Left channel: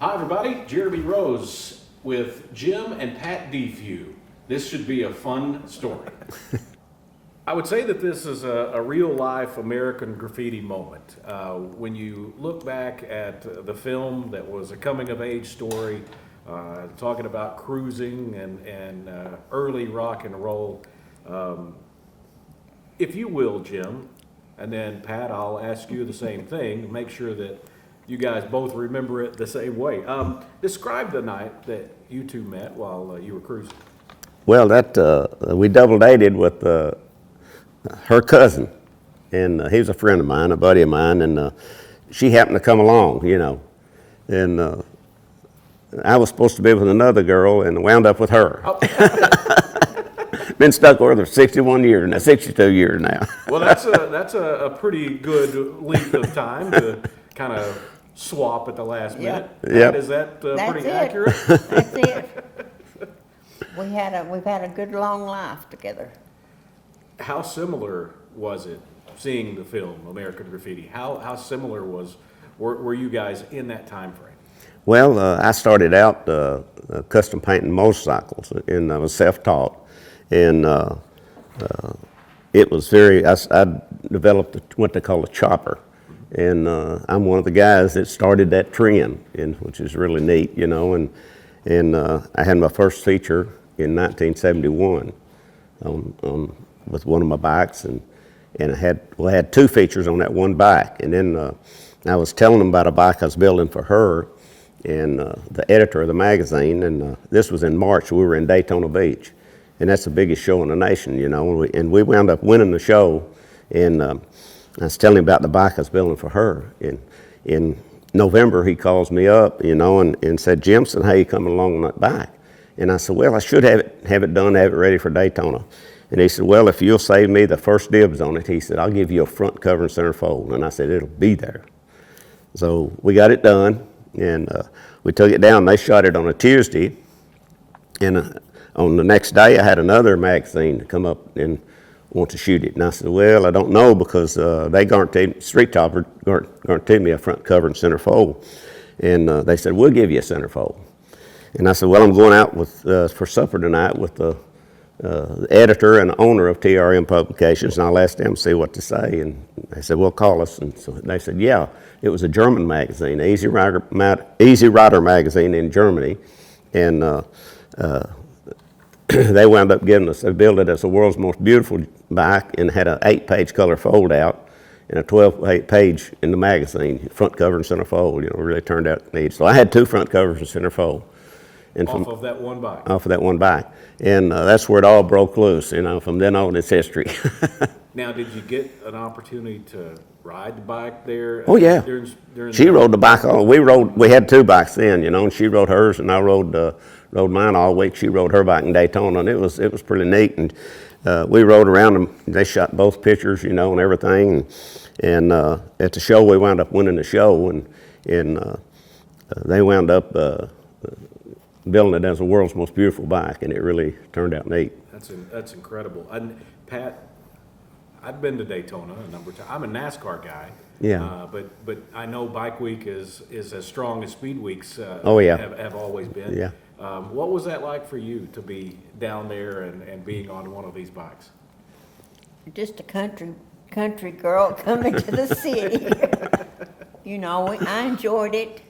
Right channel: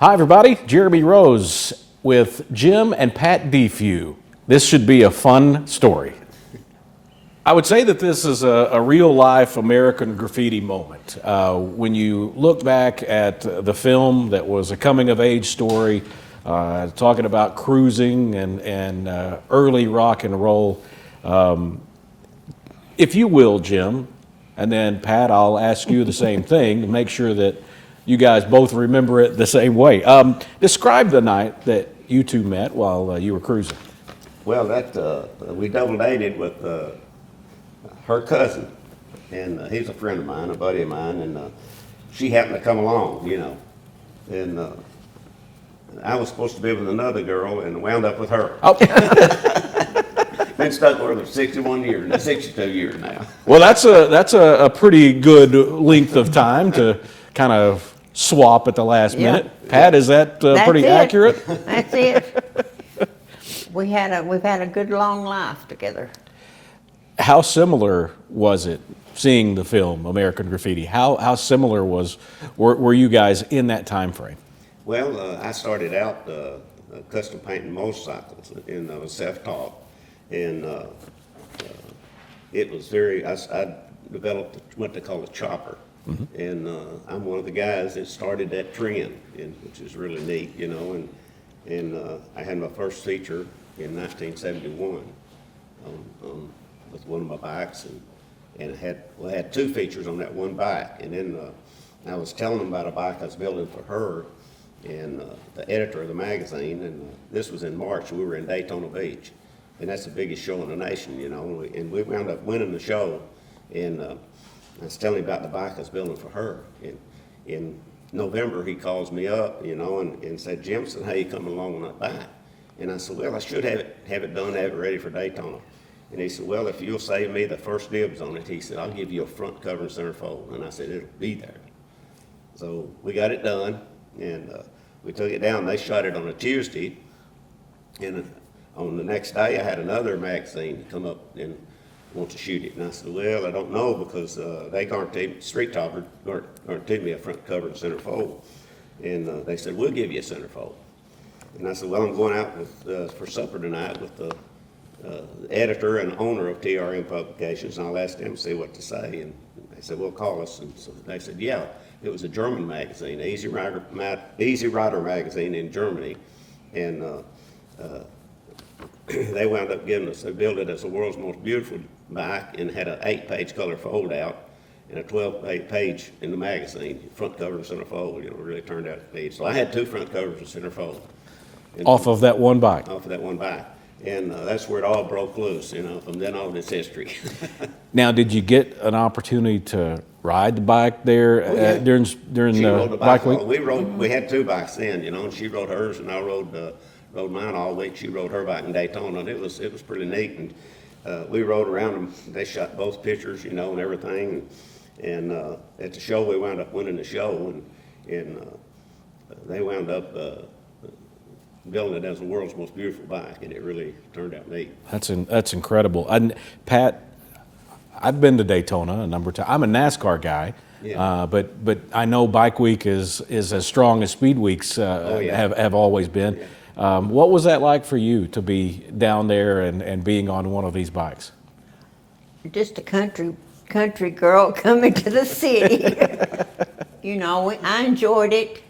Hi, everybody. Jeremy Rose with Jim and Pat Defews. This should be a fun story. I would say that this is a real-life American graffiti moment. When you look back at the film that was a coming-of-age story, talking about cruising and early rock and roll, if you will, Jim, and then Pat, I'll ask you the same thing to make sure that you guys both remember it the same way. Describe the night that you two met while you were cruising. Well, we double dated with her cousin, and he was a friend of mine, a buddy of mine, and she happened to come along, and I was supposed to be with another girl and wound up with her. Oh. Been stuck with her 61 years now, 62 years now. Well, that's a pretty good length of time to kind of swap at the last minute. Pat, is that pretty accurate? That's it. We've had a good long life together. How similar was it seeing the film American Graffiti? How similar were you guys in that time frame? Well, I started out custom painting motorcycles, and I was self-taught, and it was I developed what they call a chopper. Mm-hmm. And I'm one of the guys that started that trend, which is really neat, and I had my first feature in 1971 with one of my bikes, and I had two features on that one bike, and then I was telling them about a bike I was building for her, and the editor of the magazine, and this was in March. We were in Daytona Beach, and that's the biggest show in the nation, and we wound up winning the show, and I was telling him about the bike I was building for her. And in November, he calls me up, and said, "Jim, how you coming along on that bike?" And I said, "Well, I should have it done, have it ready for Daytona." And he said, "Well, if you'll save me the first dibs on it," he said, "I'll give you a front cover and center fold." And I said, "It'll be there." So we got it done, and we took it down. They shot it on a Tuesday, and on the next day, I had another magazine come up and want to shoot it. And I said, "Well, I don't know, because they Street Chopper guaranteed me a front cover and center fold." And they said, "We'll give you a center fold." And I said, "Well, I'm going out for supper tonight with the editor and owner of TRM Publications, and I'll ask them to see what to say." And they said, "Well, call us." And so they said, yeah, it was a German magazine, Easy Rider magazine in Germany. And they wound up giving us, they built it as the world's most beautiful bike, and had an 8-page color fold out and a 12-page in the magazine, front cover and center fold. Really turned out neat. So I had two front covers and center fold. And off of that one bike? Off of that one bike. And that's where it all broke loose. From then on, it's history. Now, did you get an opportunity to ride the bike there? Oh, yeah. During she rode the bike on. We had two bikes then, and she rode hers, and I rode mine all week. She rode her bike in Daytona, and it was pretty neat. And we rode around, and they shot both pictures, and everything. And at the show, we wound up winning the show, and they wound up building it as the world's most beautiful bike, and it really turned out neat. That's incredible. And Pat, I've been to Daytona a number of times. I'm a NASCAR guy. Yeah. But I know Bike Week is as strong as Speed Weeks have always been. Yeah. What was that like for you to be down there and being on one of these bikes? Just a country girl coming to the city. I enjoyed it.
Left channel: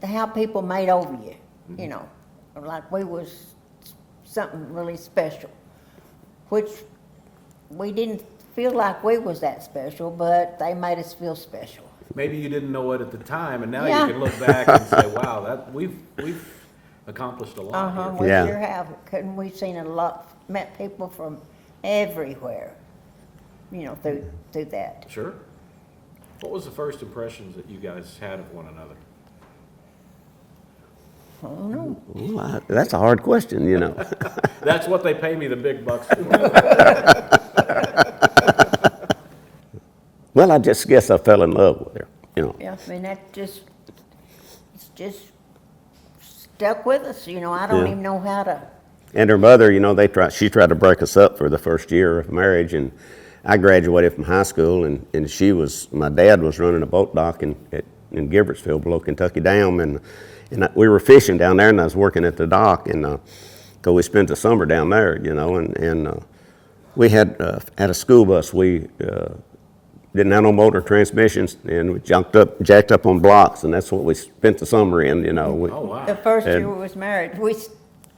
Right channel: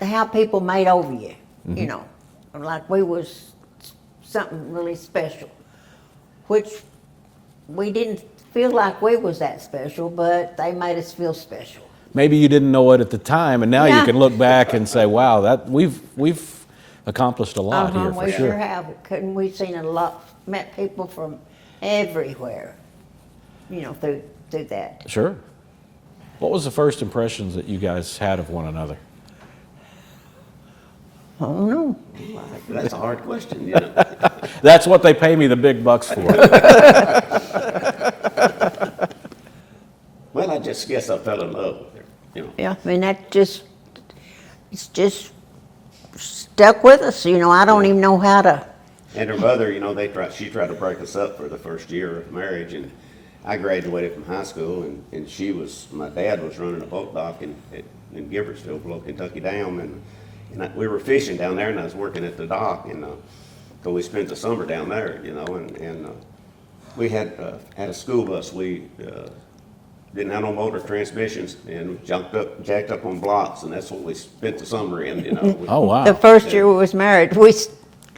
It's how people made over you. Mm-hmm. Like we was something really special, which we didn't feel like we was that special, but they made us feel special. Maybe you didn't know it at the time, and now you can look back and say, "Wow, that we've accomplished a lot here." We sure have. We've seen a lot, met people from everywhere, through that. Sure. What was the first impressions that you guys had of one another? I don't know. Well, that's a hard question, That's what they pay me the big bucks for. Well, I just guess I fell in love with her, Yeah, it's just stuck with us. I don't even know how to. And her mother, she tried to break us up for the first year of marriage, and I graduated from high school, and my dad was running a boat dock in Gibbertsville below Kentucky Dam, and we were fishing down there, and I was working at the dock, and 'cause we spent the summer down there, you know, and we had a school bus. We didn't have no motor transmissions, and we jacked up on blocks, and that's what we spent the summer in, you know. Oh, wow. The first year we was married, we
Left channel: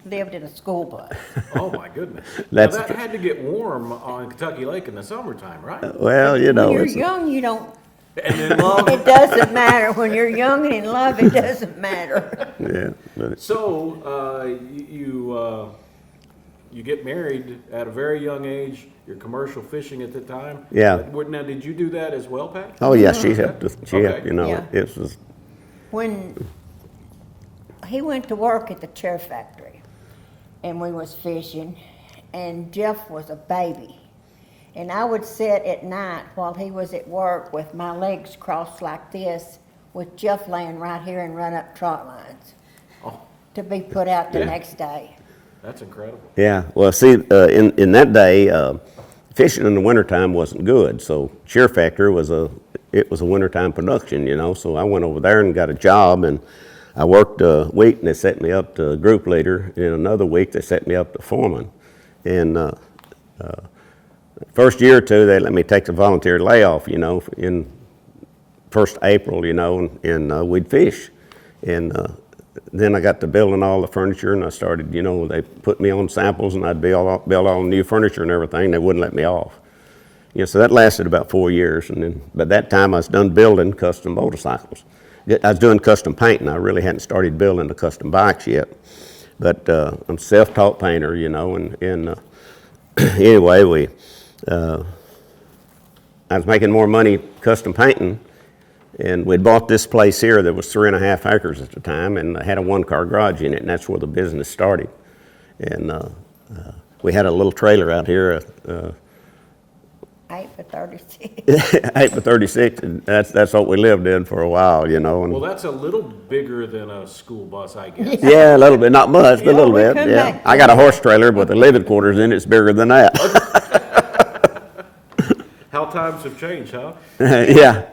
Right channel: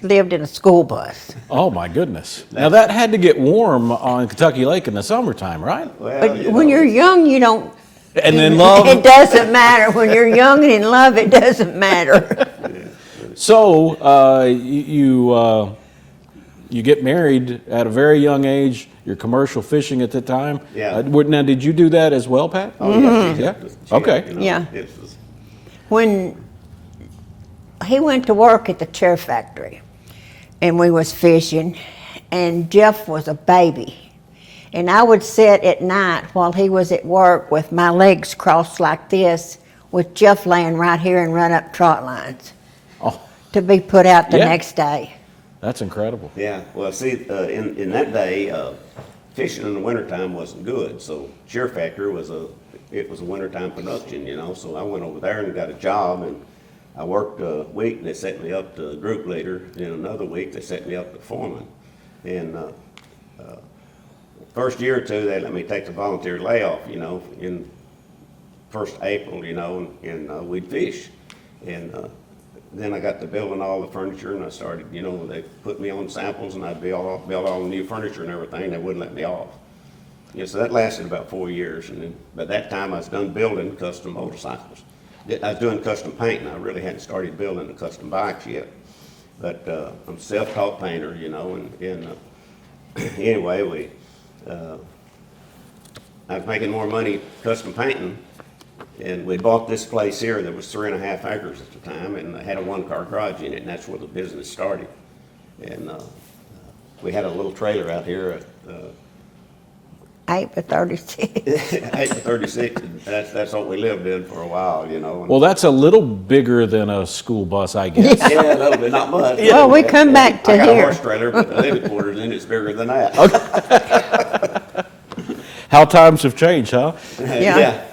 lived in a school bus. Oh, my goodness. Now, that had to get warm on Kentucky Lake in the summertime, right? Well, you know. When you're young, you don't. And then love. It doesn't matter. When you're young and in love, it doesn't matter. Yeah. So you get married at a very young age. You're commercial fishing at the time. Yeah. Now, did you do that as well, Pat? Oh, yeah, she Yeah. had to, Okay. you know, Yeah. it was, When he went to work at the chair factory, and we was fishing, and Jeff was a baby. And I would sit at night while he was at work with my legs crossed like this, with Jeff laying right here and run up trot lines Oh, to be put out the Yeah. next day. that's incredible. yeah. Well, see, in that day, fishing in the wintertime wasn't good. So Cheer Factory was a wintertime production, you know. So I went over there and got a job, and I worked a week, and they set me up to group leader. In another week, they set me up to foreman. And first year or two, they let me take the volunteer layoff, you know, in first April, you know, and we'd fish. And then I got to building all the furniture, and I started, you know, they put me on samples, and I'd build all the new furniture and everything. They wouldn't let me off. You know, so that lasted about 4 years, and then by that time I was done building custom motorcycles. I was doing custom painting. I really hadn't started building the custom bikes yet, but I'm a self-taught painter, you know, and anyway, I was making more money custom painting, and we'd bought this place here that was 3.5 acres at the time, and had a one-car garage in it, and that's where the business started. And we had a little trailer out here, 8 by 36. 8 by 36, and that's what we lived in for a while, you know. And Well, that's a little bigger than a school bus, I guess. yeah, a little bit, not much. but a Well, little we bit, come yeah. back to I got a here. horse trailer, but the living quarters in it's bigger than that. How times have changed, huh? Yeah.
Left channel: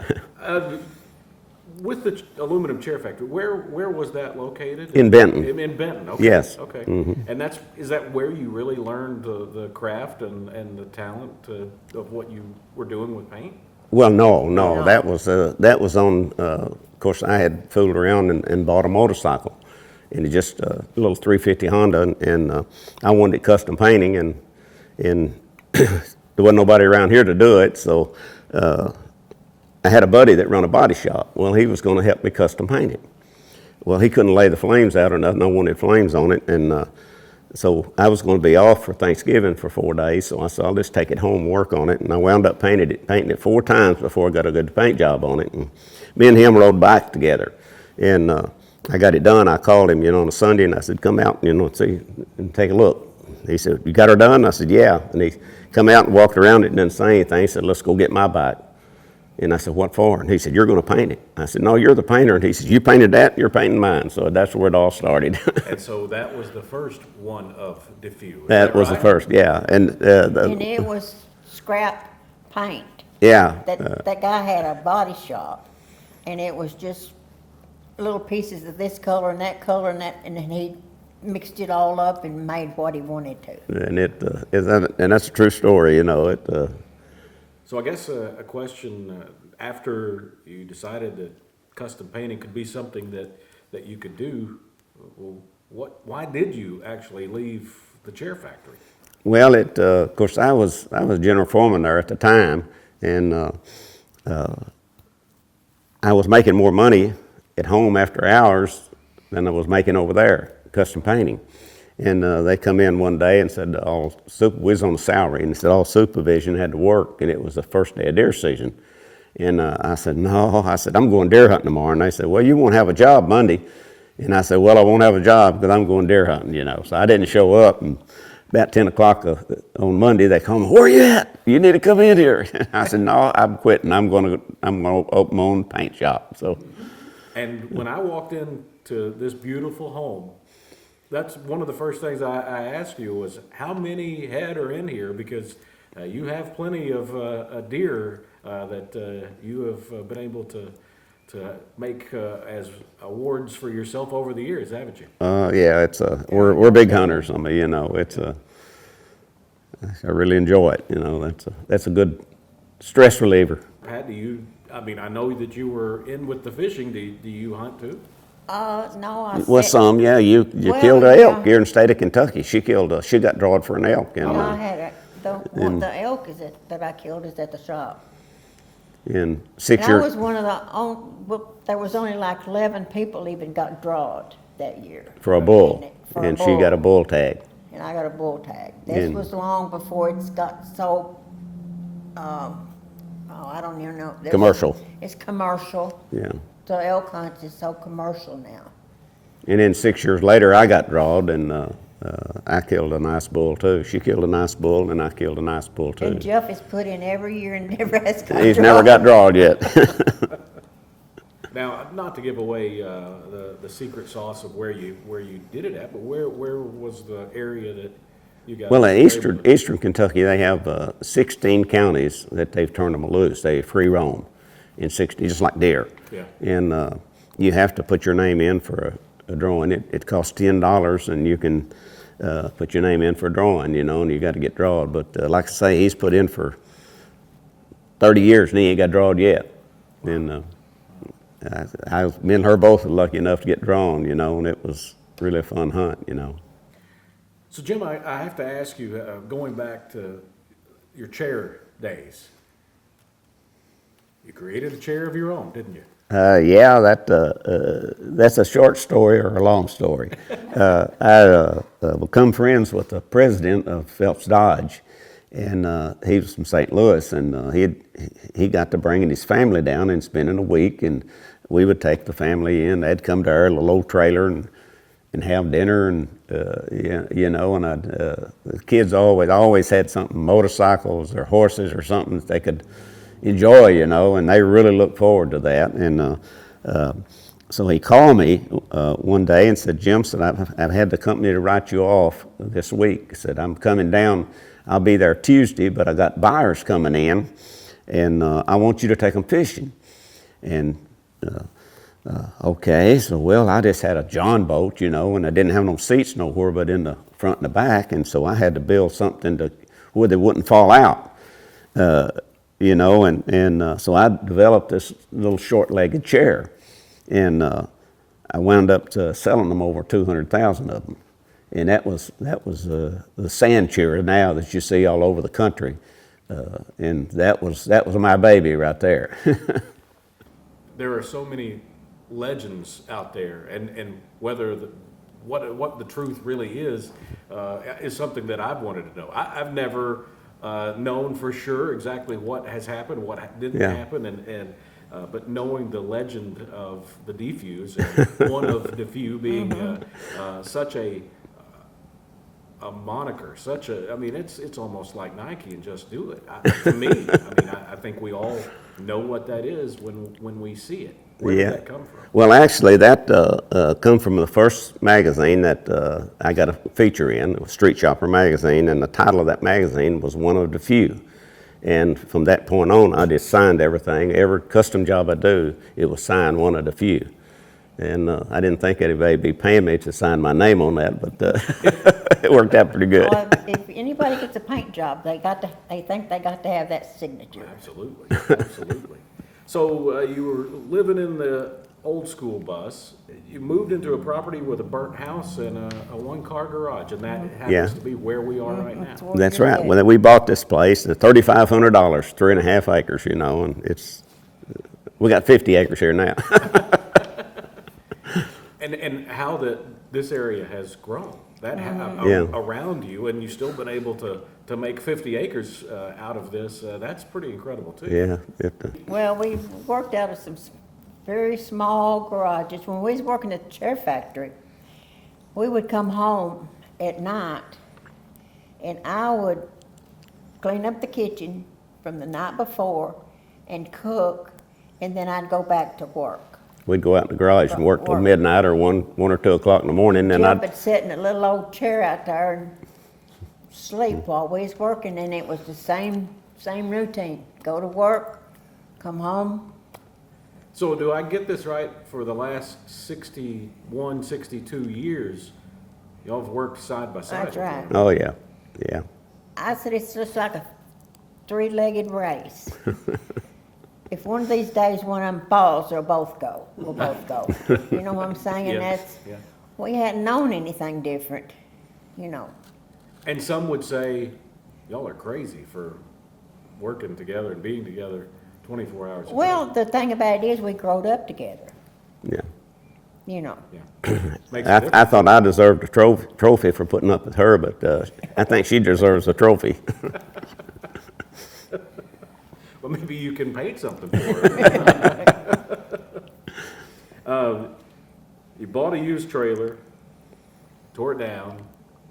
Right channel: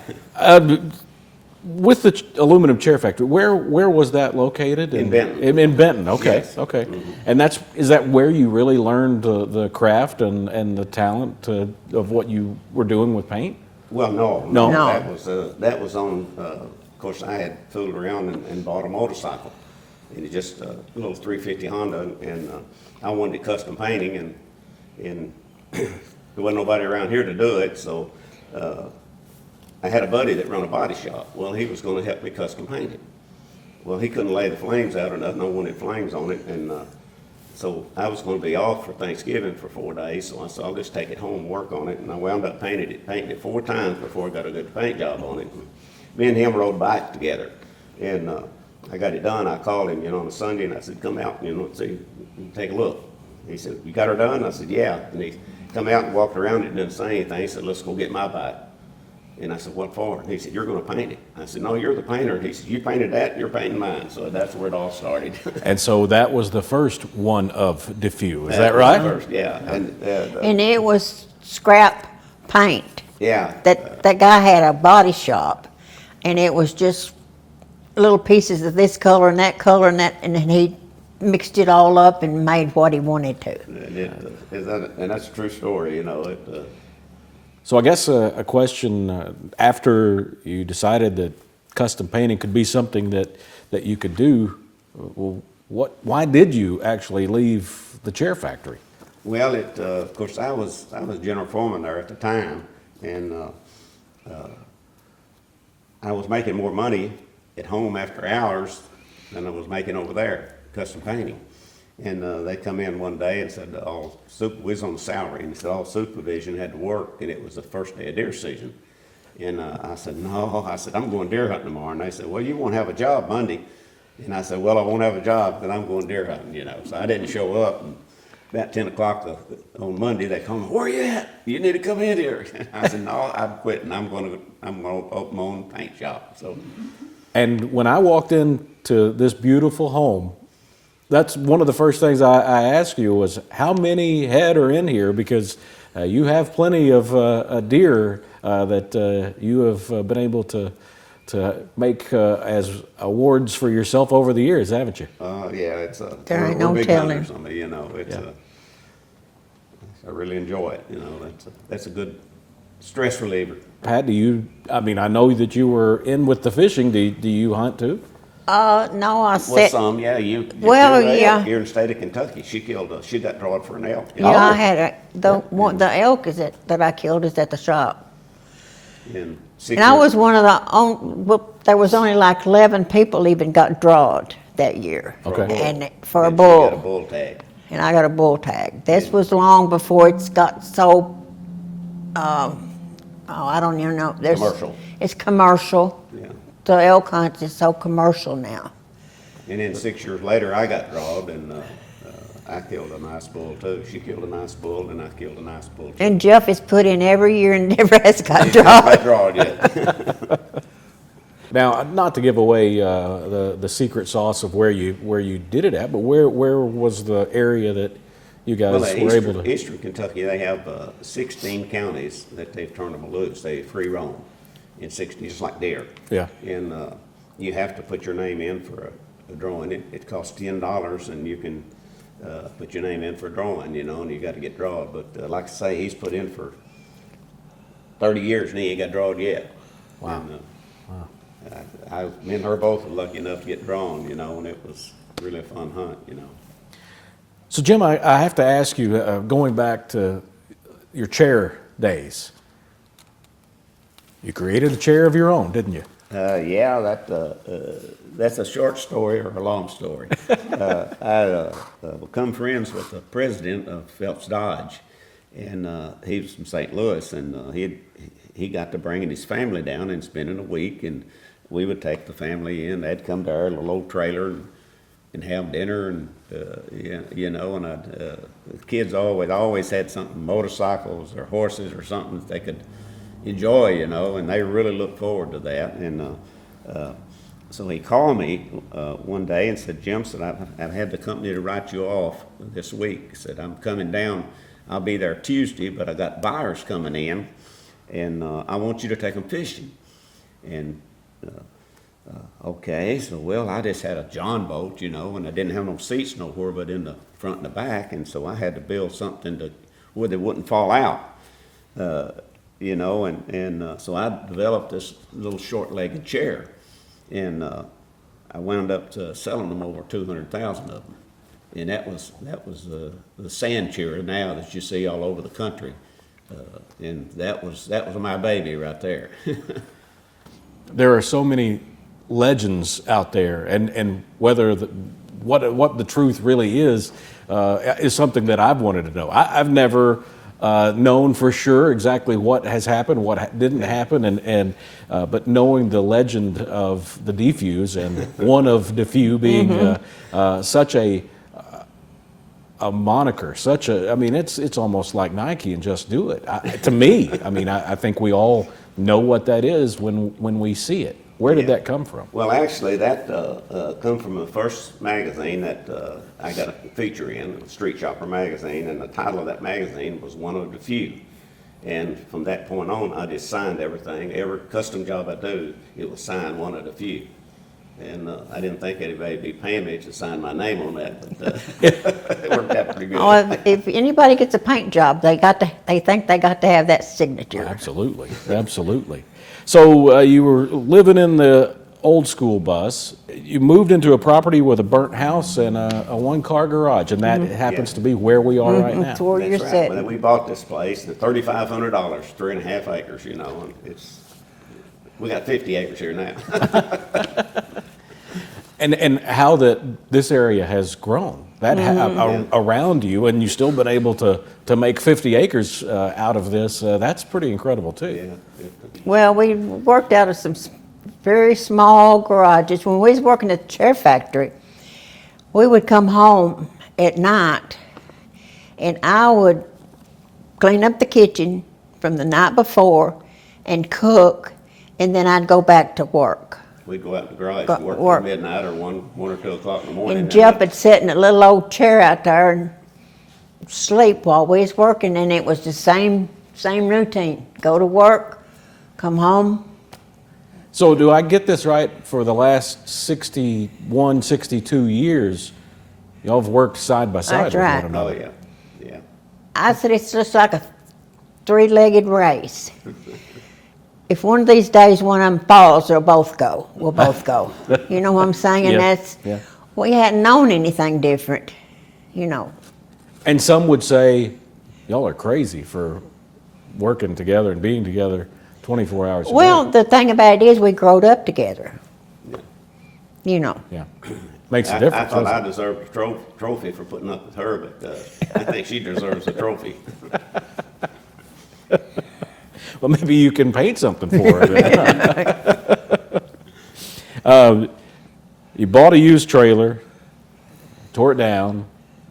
With the aluminum chair factory, where was that located? In Benton. In Benton, okay. Yes. Mm-hmm. Okay. And is that where you really learned the craft and the talent of what you were doing with paint? Well, no. No. That was on. Of course, I had fooled around and bought a motorcycle, and it just a little 350 Honda, and I wanted it custom painting, and there wasn't nobody around here to do it, so I had a buddy that run a body shop. Well, he was going to help me custom paint it. Well, he couldn't lay the flames out or nothing. I wanted flames on it, and so I was going to be off for Thanksgiving for 4 days. So I said, I'll just take it home and work on it. And I wound up painting it 4 times before I got a good paint job on it. And me and him rode bike together, and I got it done. I called him, you know, on a Sunday, and I said, come out, you know, see and take a look. He said, you got her done? I said, yeah. And he come out and walked around it and didn't say anything. He said, let's go get my bike. And I said, what for? And he said, you're going to paint it. I said, no, you're the painter. And he said, you painted that, you're painting mine. So that's where it all started. And so that was the first one of Defews, is That that was right? the first, yeah. And And it was scrap paint. yeah, That guy had a body shop, and it was just little pieces of this color and that color and that, and then he mixed it all up and made what he wanted to. and that's a true story, you know. So I guess a question after you decided that custom painting could be something that you could do, well, why did you actually leave the chair factory? Well, of course, I was general foreman there at the time, and I was making more money at home after hours than I was making over there, custom painting. And they come in one day and said, we was on a salary, and they said all supervision had to work, and it was the first day of deer season. And I said, no, I'm going deer hunting tomorrow. And they said, well, you won't have a job Monday. And I said, well, I won't have a job because I'm going deer hunting, you know. So I didn't show up, and about 10 o'clock on Monday, they called me, where are you at? You need to come in here. And I said, no, I'm quitting. I'm going to open my own paint shop. So. And when I walked into this beautiful home, that's one of the first things I asked you was, how many head are in here? Because you have plenty of deer that you have been able to to make as awards for yourself over the years, haven't you? Yeah, we're no big telling. hunters. I mean, you know, I really enjoy it. You know, that's a good stress reliever. Pat, I mean, I know that you were in with the fishing. Do you hunt too? No, I Well, said, some, yeah. You Well, killed an yeah. elk here in the state of Kentucky. She got drawed for an elk. yeah, I had the elk that I killed is at the shop. In 6 And I years. was one of well, there was only like 11 people even got drawed that year. For a bull. And for a and bull. she got a bull tag. And I got a bull tag. This And- was long before it's got so, I don't even know. Commercial. It's commercial. Yeah. The elk hunt is so commercial now. And then 6 years later, I got drawed, and I killed a nice bull too. She killed a nice bull, and I killed a nice bull too. And Jeff is put in every year and never has got He's drawed. never got drawed yet. Now, not to give away the secret sauce of where you did it at, but where was the area that you guys Well, were in able to? Eastern Kentucky, they have 16 counties that they've turned them loose. They free roam in 60, just like deer. Yeah. And you have to put your name in for a drawing. It costs $10, and you can put your name in for a drawing, you know, and you got to get drawed. But like I say, he's put in for 30 years, and he ain't got drawed yet. Wow. And me and her both were lucky enough to get drawn, you know, and it was really a fun hunt, you know. So, Jim, I have to ask you, going back to your chair days, you created a chair of your own, didn't you? Yeah, that's a short story or a long story. I become friends with the president of Phelps Dodge, and he was from St. Louis, and he got to bringing his family down and spending a week, and we would take the family in. They'd come to our little old trailer and have dinner, and you know, and the kids always had something, motorcycles or horses or something that they could enjoy, you know, and they really looked forward to that. And so he called me one day and said, Jim, said, I've had the company to write you off this week. He said, I'm coming down, I'll be there Tuesday, but I got buyers coming in, and I want you to take them fishing. And okay, so well, I just had a John boat, you know, and I didn't have no seats nowhere but in the front and the back, and so I had to build something where they wouldn't fall out. You know, and so I developed this little short-legged chair, and I wound up selling them over 200,000 of them, and that was the sand chair now that you see all over the country, and that was my baby right there. There are so many legends out there, and whether what the truth really is something that I've wanted to know. I've never known for sure exactly what has happened, what didn't happen, and but knowing the legend of the Defews, and one of Defew being such a moniker, I mean, it's almost like Nike and Just Do It. To me, I mean, I think we all know what that is when we see it. Where did that come from? Well, actually, that come from the first magazine that I got a feature in, Street Shopper magazine, and the title of that magazine was One of the Few. And from that point on, I just signed everything. Every custom job I do, it was signed One of the Few. And I didn't think anybody would be paying me to sign my name on that, but it worked out pretty good. Oh, if anybody gets a paint job, they think they got to have that signature. Absolutely, absolutely. So you were living in the old school bus. You moved into a property with a burnt house and a one-car garage, and that happens to be where we are right now. where That's you're right. sitting. Well, we bought this place, $3,500, 3.5 acres, you know, and we got 50 acres here now. And how this area has grown around you, and you've still been able to make 50 acres out of this. That's pretty incredible too. Yeah. Well, we worked out of some very small garages. When we was working at the chair factory, we would come home at night, and I would clean up the kitchen from the night before and cook, and then I'd go back to work. We'd go out in the garage and work till midnight or 1 or 2 o'clock in the morning. And Jeff would sit in a little old chair out there and sleep while we was working, and it was the same routine. Go to work, come home. So do I get this right? For the last 61, 62 years, y'all have worked side by side That's with right. one another. Oh, yeah, yeah. I said it's just like a three-legged race. If one of these days one of them falls, they'll both go. We'll both go. You know what I'm saying? And Yeah, that's, yeah. we hadn't known anything different, you know. And some would say, y'all are crazy for working together and being together 24 hours a Well, day. the thing about it is we growed up together, Yeah. you know. Yeah, makes a I difference. thought I deserved a trophy for putting up with her, but I think she deserves a trophy. Well, maybe you can paint something for her. You bought a used trailer, tore it down,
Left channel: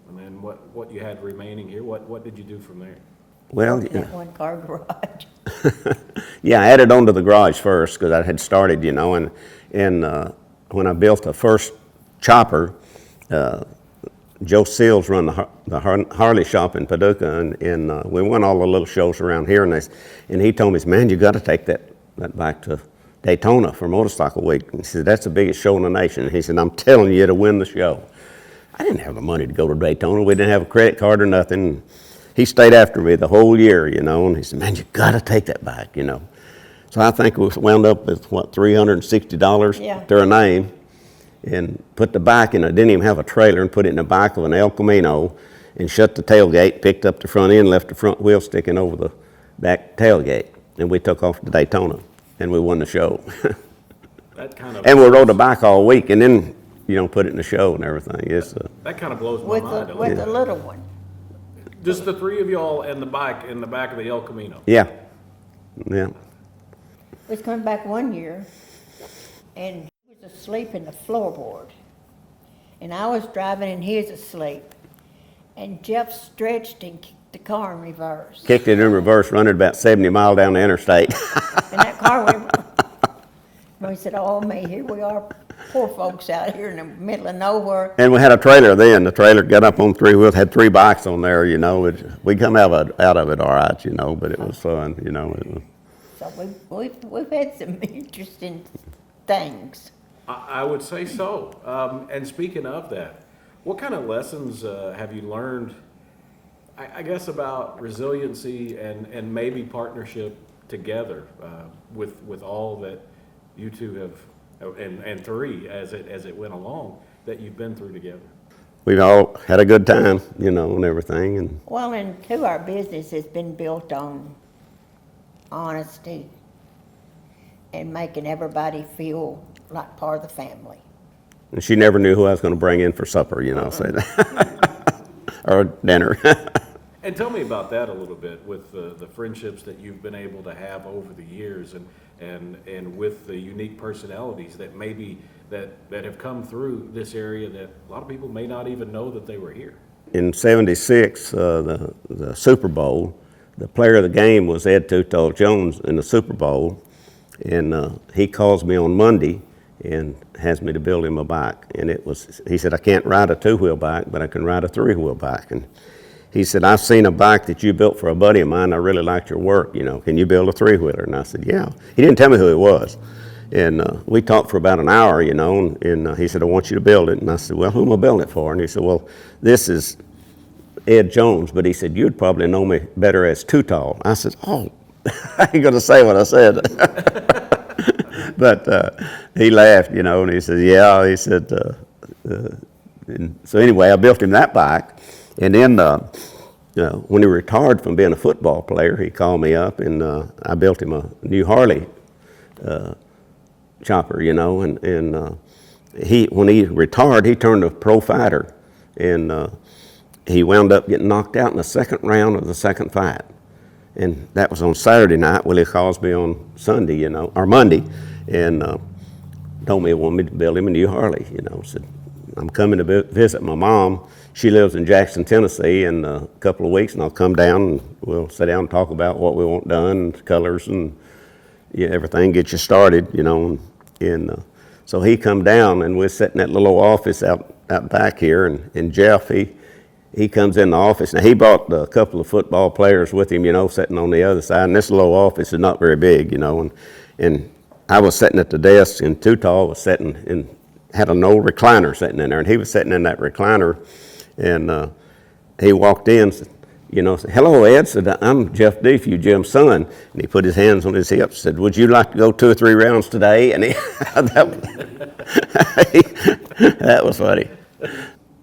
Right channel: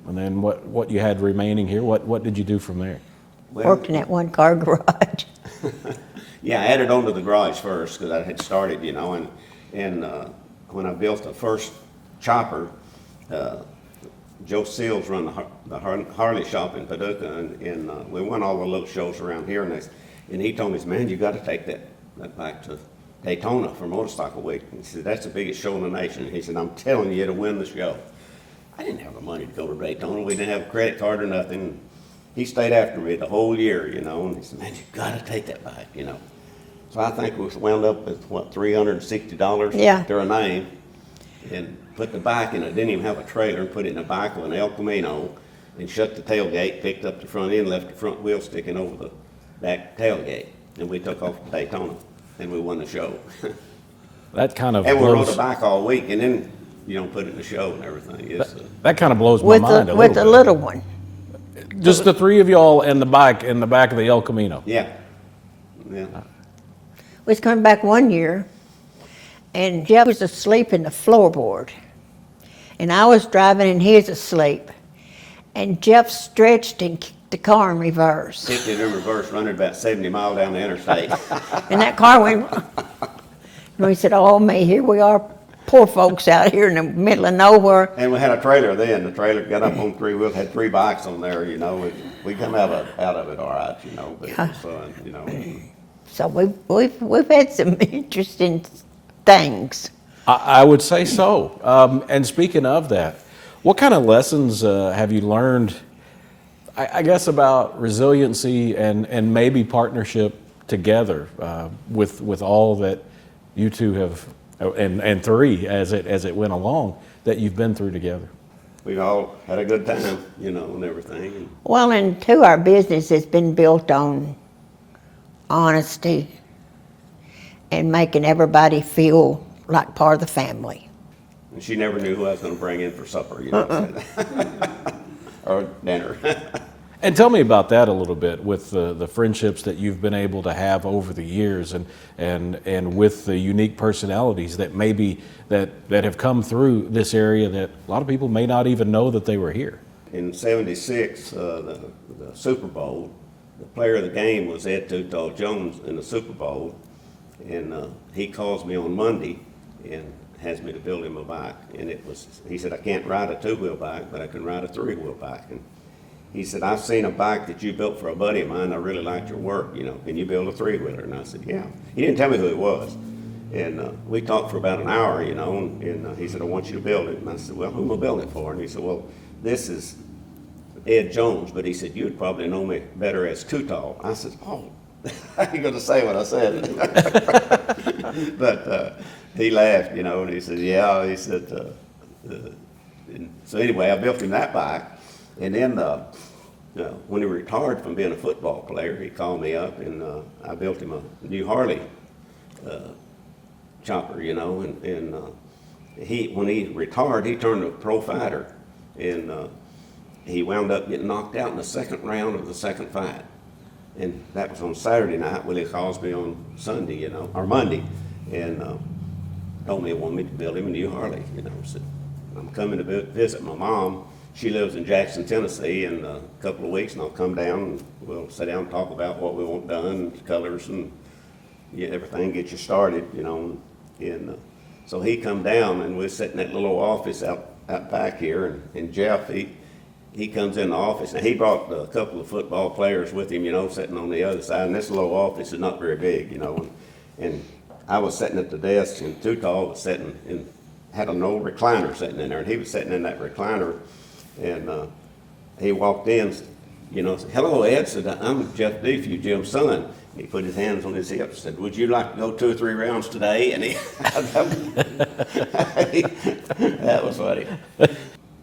and then what you had remaining here, what did you do from there? Well, Working at one car garage. yeah, I added on to the garage first because I had started, you know, and when I built the first chopper, Joe Seals run the Harley shop in Paducah, and we went all the little shows around here, and he told me, man, you got to take that back to Daytona for Motorcycle Week. And he said, that's the biggest show in the nation. And he said, I'm telling you to win the show. I didn't have the money to go to Daytona. We didn't have a credit card or nothing. He stayed after me the whole year, you know, and he said, man, you got to take that back, you know. So I think we wound up with, what, $360 Yeah. to our name, and put the bike in. I didn't even have a trailer, and put it in the back of an El Camino, and shut the tailgate, picked up the front end, left the front wheel sticking over the back tailgate, and we took off to Daytona, and we won the show. That kind of And we rode blows- the bike all week, and then, you know, put it in the show and everything. It's, that kind of blows my With mind the, a with the little little one. bit. Just the three of y'all and the bike in the back of the El Camino. yeah, yeah. We was coming back one year, and Jeff was asleep in the floorboard. And I was driving, and he was asleep. And Jeff stretched and kicked the car in reverse. Kicked it in reverse, running about 70 miles down the interstate. And that car went, and we said, oh me, here we are, poor folks out here in the middle of nowhere. And we had a trailer then. The trailer got up on three wheels, had three bikes on there, you know. We come out of it all right, you know, but it was fun, you know. So we've had some interesting things. I would say so. And speaking of that, what kind of lessons have you learned, I guess, about resiliency and maybe partnership together with all that you two have, and three as it went along, that you've been through together? We've all had a good time, you know, and everything. And Well, and too, our business has been built on honesty and making everybody feel like part of the family. she never knew who I was going to bring in for supper, you know, say that. Or dinner. And tell me about that a little bit, with the friendships that you've been able to have over the years, and with the unique personalities that maybe that have come through this area that a lot of people may not even know that they were here. In '76, the Super Bowl, the player of the game was Ed Tuttle Jones in the Super Bowl, and he calls me on Monday and has me to build him a bike. And he said, I can't ride a two-wheel bike, but I can ride a three-wheel bike. And he said, I've seen a bike that you built for a buddy of mine. I really liked your work, you know. Can you build a three-wheeler? And I said, yeah. He didn't tell me who it was. And we talked for about an hour, you know, and he said, I want you to build it. And I said, well, who am I building it for? And he said, well, this is Ed Jones, but he said, you'd probably know me better as Too Tall. I said, oh, I ain't going to say what I said. But he laughed, you know, and he said, yeah. He said, and so anyway, I built him that bike. And then when he retired from being a football player, he called me up, and I built him a new Harley chopper, you know. And when he retired, he turned a pro fighter, and he wound up getting knocked out in the second round of the second fight. And that was on Saturday night. Willie calls me on Sunday, you know, or Monday, and told me he wanted me to build him a new Harley, you know. Said, I'm coming to visit my mom. She lives in Jackson, Tennessee, in a couple of weeks, and I'll come down and we'll sit down and talk about what we want done, and colors and everything, get you started, you know. And so he come down, and we're sitting in that little office out back here, and Jeff, he comes in the office. Now, he brought a couple of football players with him, you know, sitting on the other side, and this little office is not very big, you know, and I was sitting at the desk, and Tootal was sitting and had an old recliner sitting in there, and he was sitting in that recliner, and he walked in, said, said, "Hello, Ed," said, "I'm Jeff Defews, Jim's son." And he put his hands on his hips, said, "Would you like to go 2 or 3 rounds today?" And that was funny.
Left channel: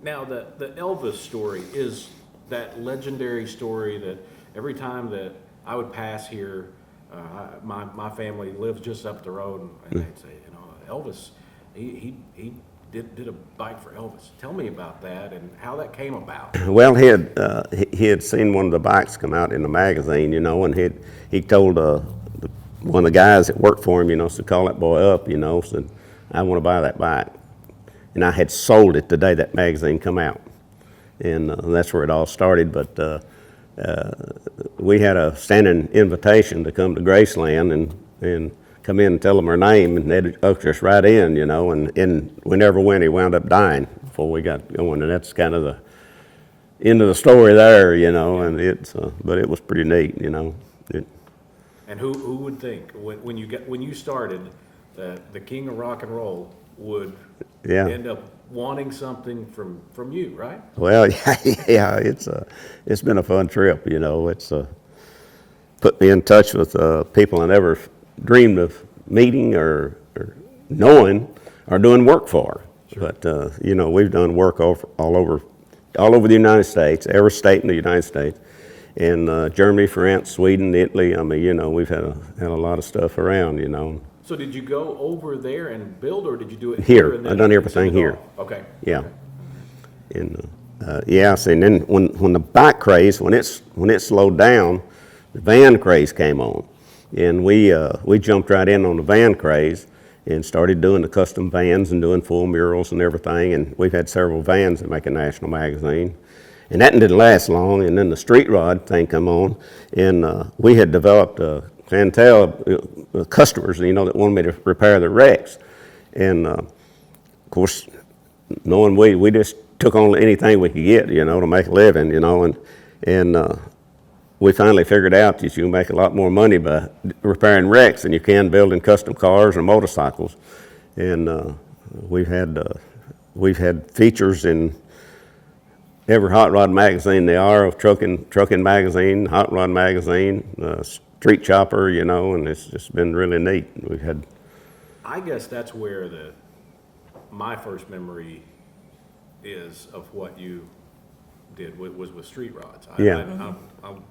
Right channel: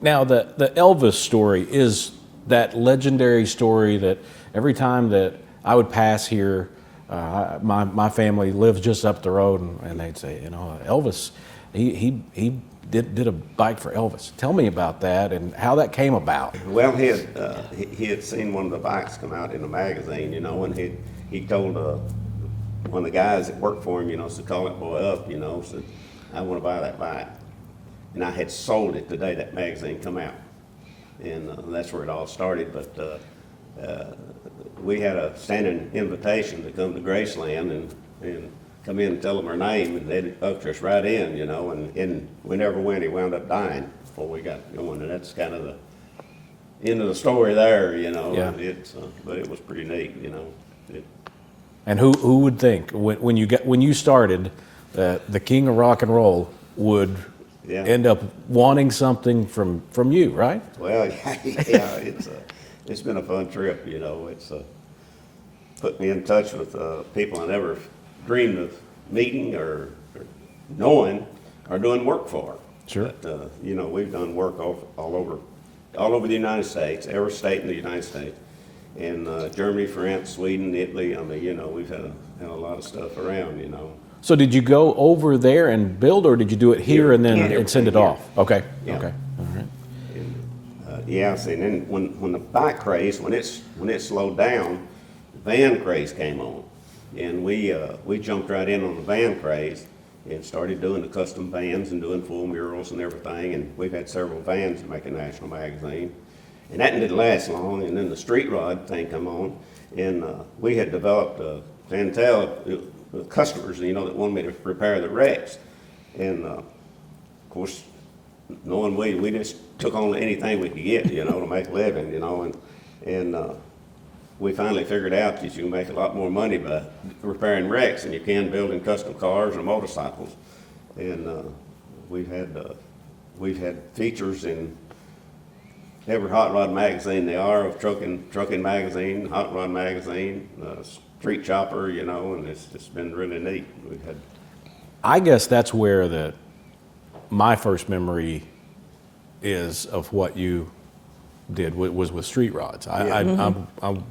Now, the Elvis story is that legendary story that every time that I would pass here, my family lives just up the road, and they'd say, Elvis, he did a bike for Elvis. Tell me about that and how that came about. Well, he had seen one of the bikes come out in the magazine, and he told one of the guys that worked for him, to call that boy up, said, "I want to buy that bike." And I had sold it the day that magazine come out, and that's where it all started. But we had a standing invitation to come to Graceland and come in and tell them our name, and they'd usher us right in, and we never went. He wound up dying before we got going, and that's kind of the end of the story there, and but it was pretty neat, And who would think when you started that the king of rock and roll would end up wanting something from you, right? Well, yeah, it's been a fun trip, It's put me in touch with people I never dreamed of meeting or knowing or doing work for. Sure. But we've done work all over the United States, every state in the United States, and Germany, France, Sweden, Italy. I mean, we've had a lot of stuff around, So did you go over there and build, or did you do it here and then send it off? Okay. Yeah. Okay. All right. And see, and then when the bike craze, when it slowed down, the van craze came on, and we jumped right in on the van craze and started doing the custom vans and doing full murals and everything. And we've had several vans that make a national magazine, and that didn't last long. And then the street rod thing come on, and we had developed a clientele, customers, that wanted me to repair their wrecks, and of course, knowing we just took on anything we could get, to make a living, and we finally figured out that you can make a lot more money by repairing wrecks than you can building custom cars or motorcycles. And we've had features in every hot rod magazine there are, of trucking magazine, hot rod magazine, street chopper, and it's just been really neat. I guess that's where my first memory is of what you did was with street rods. I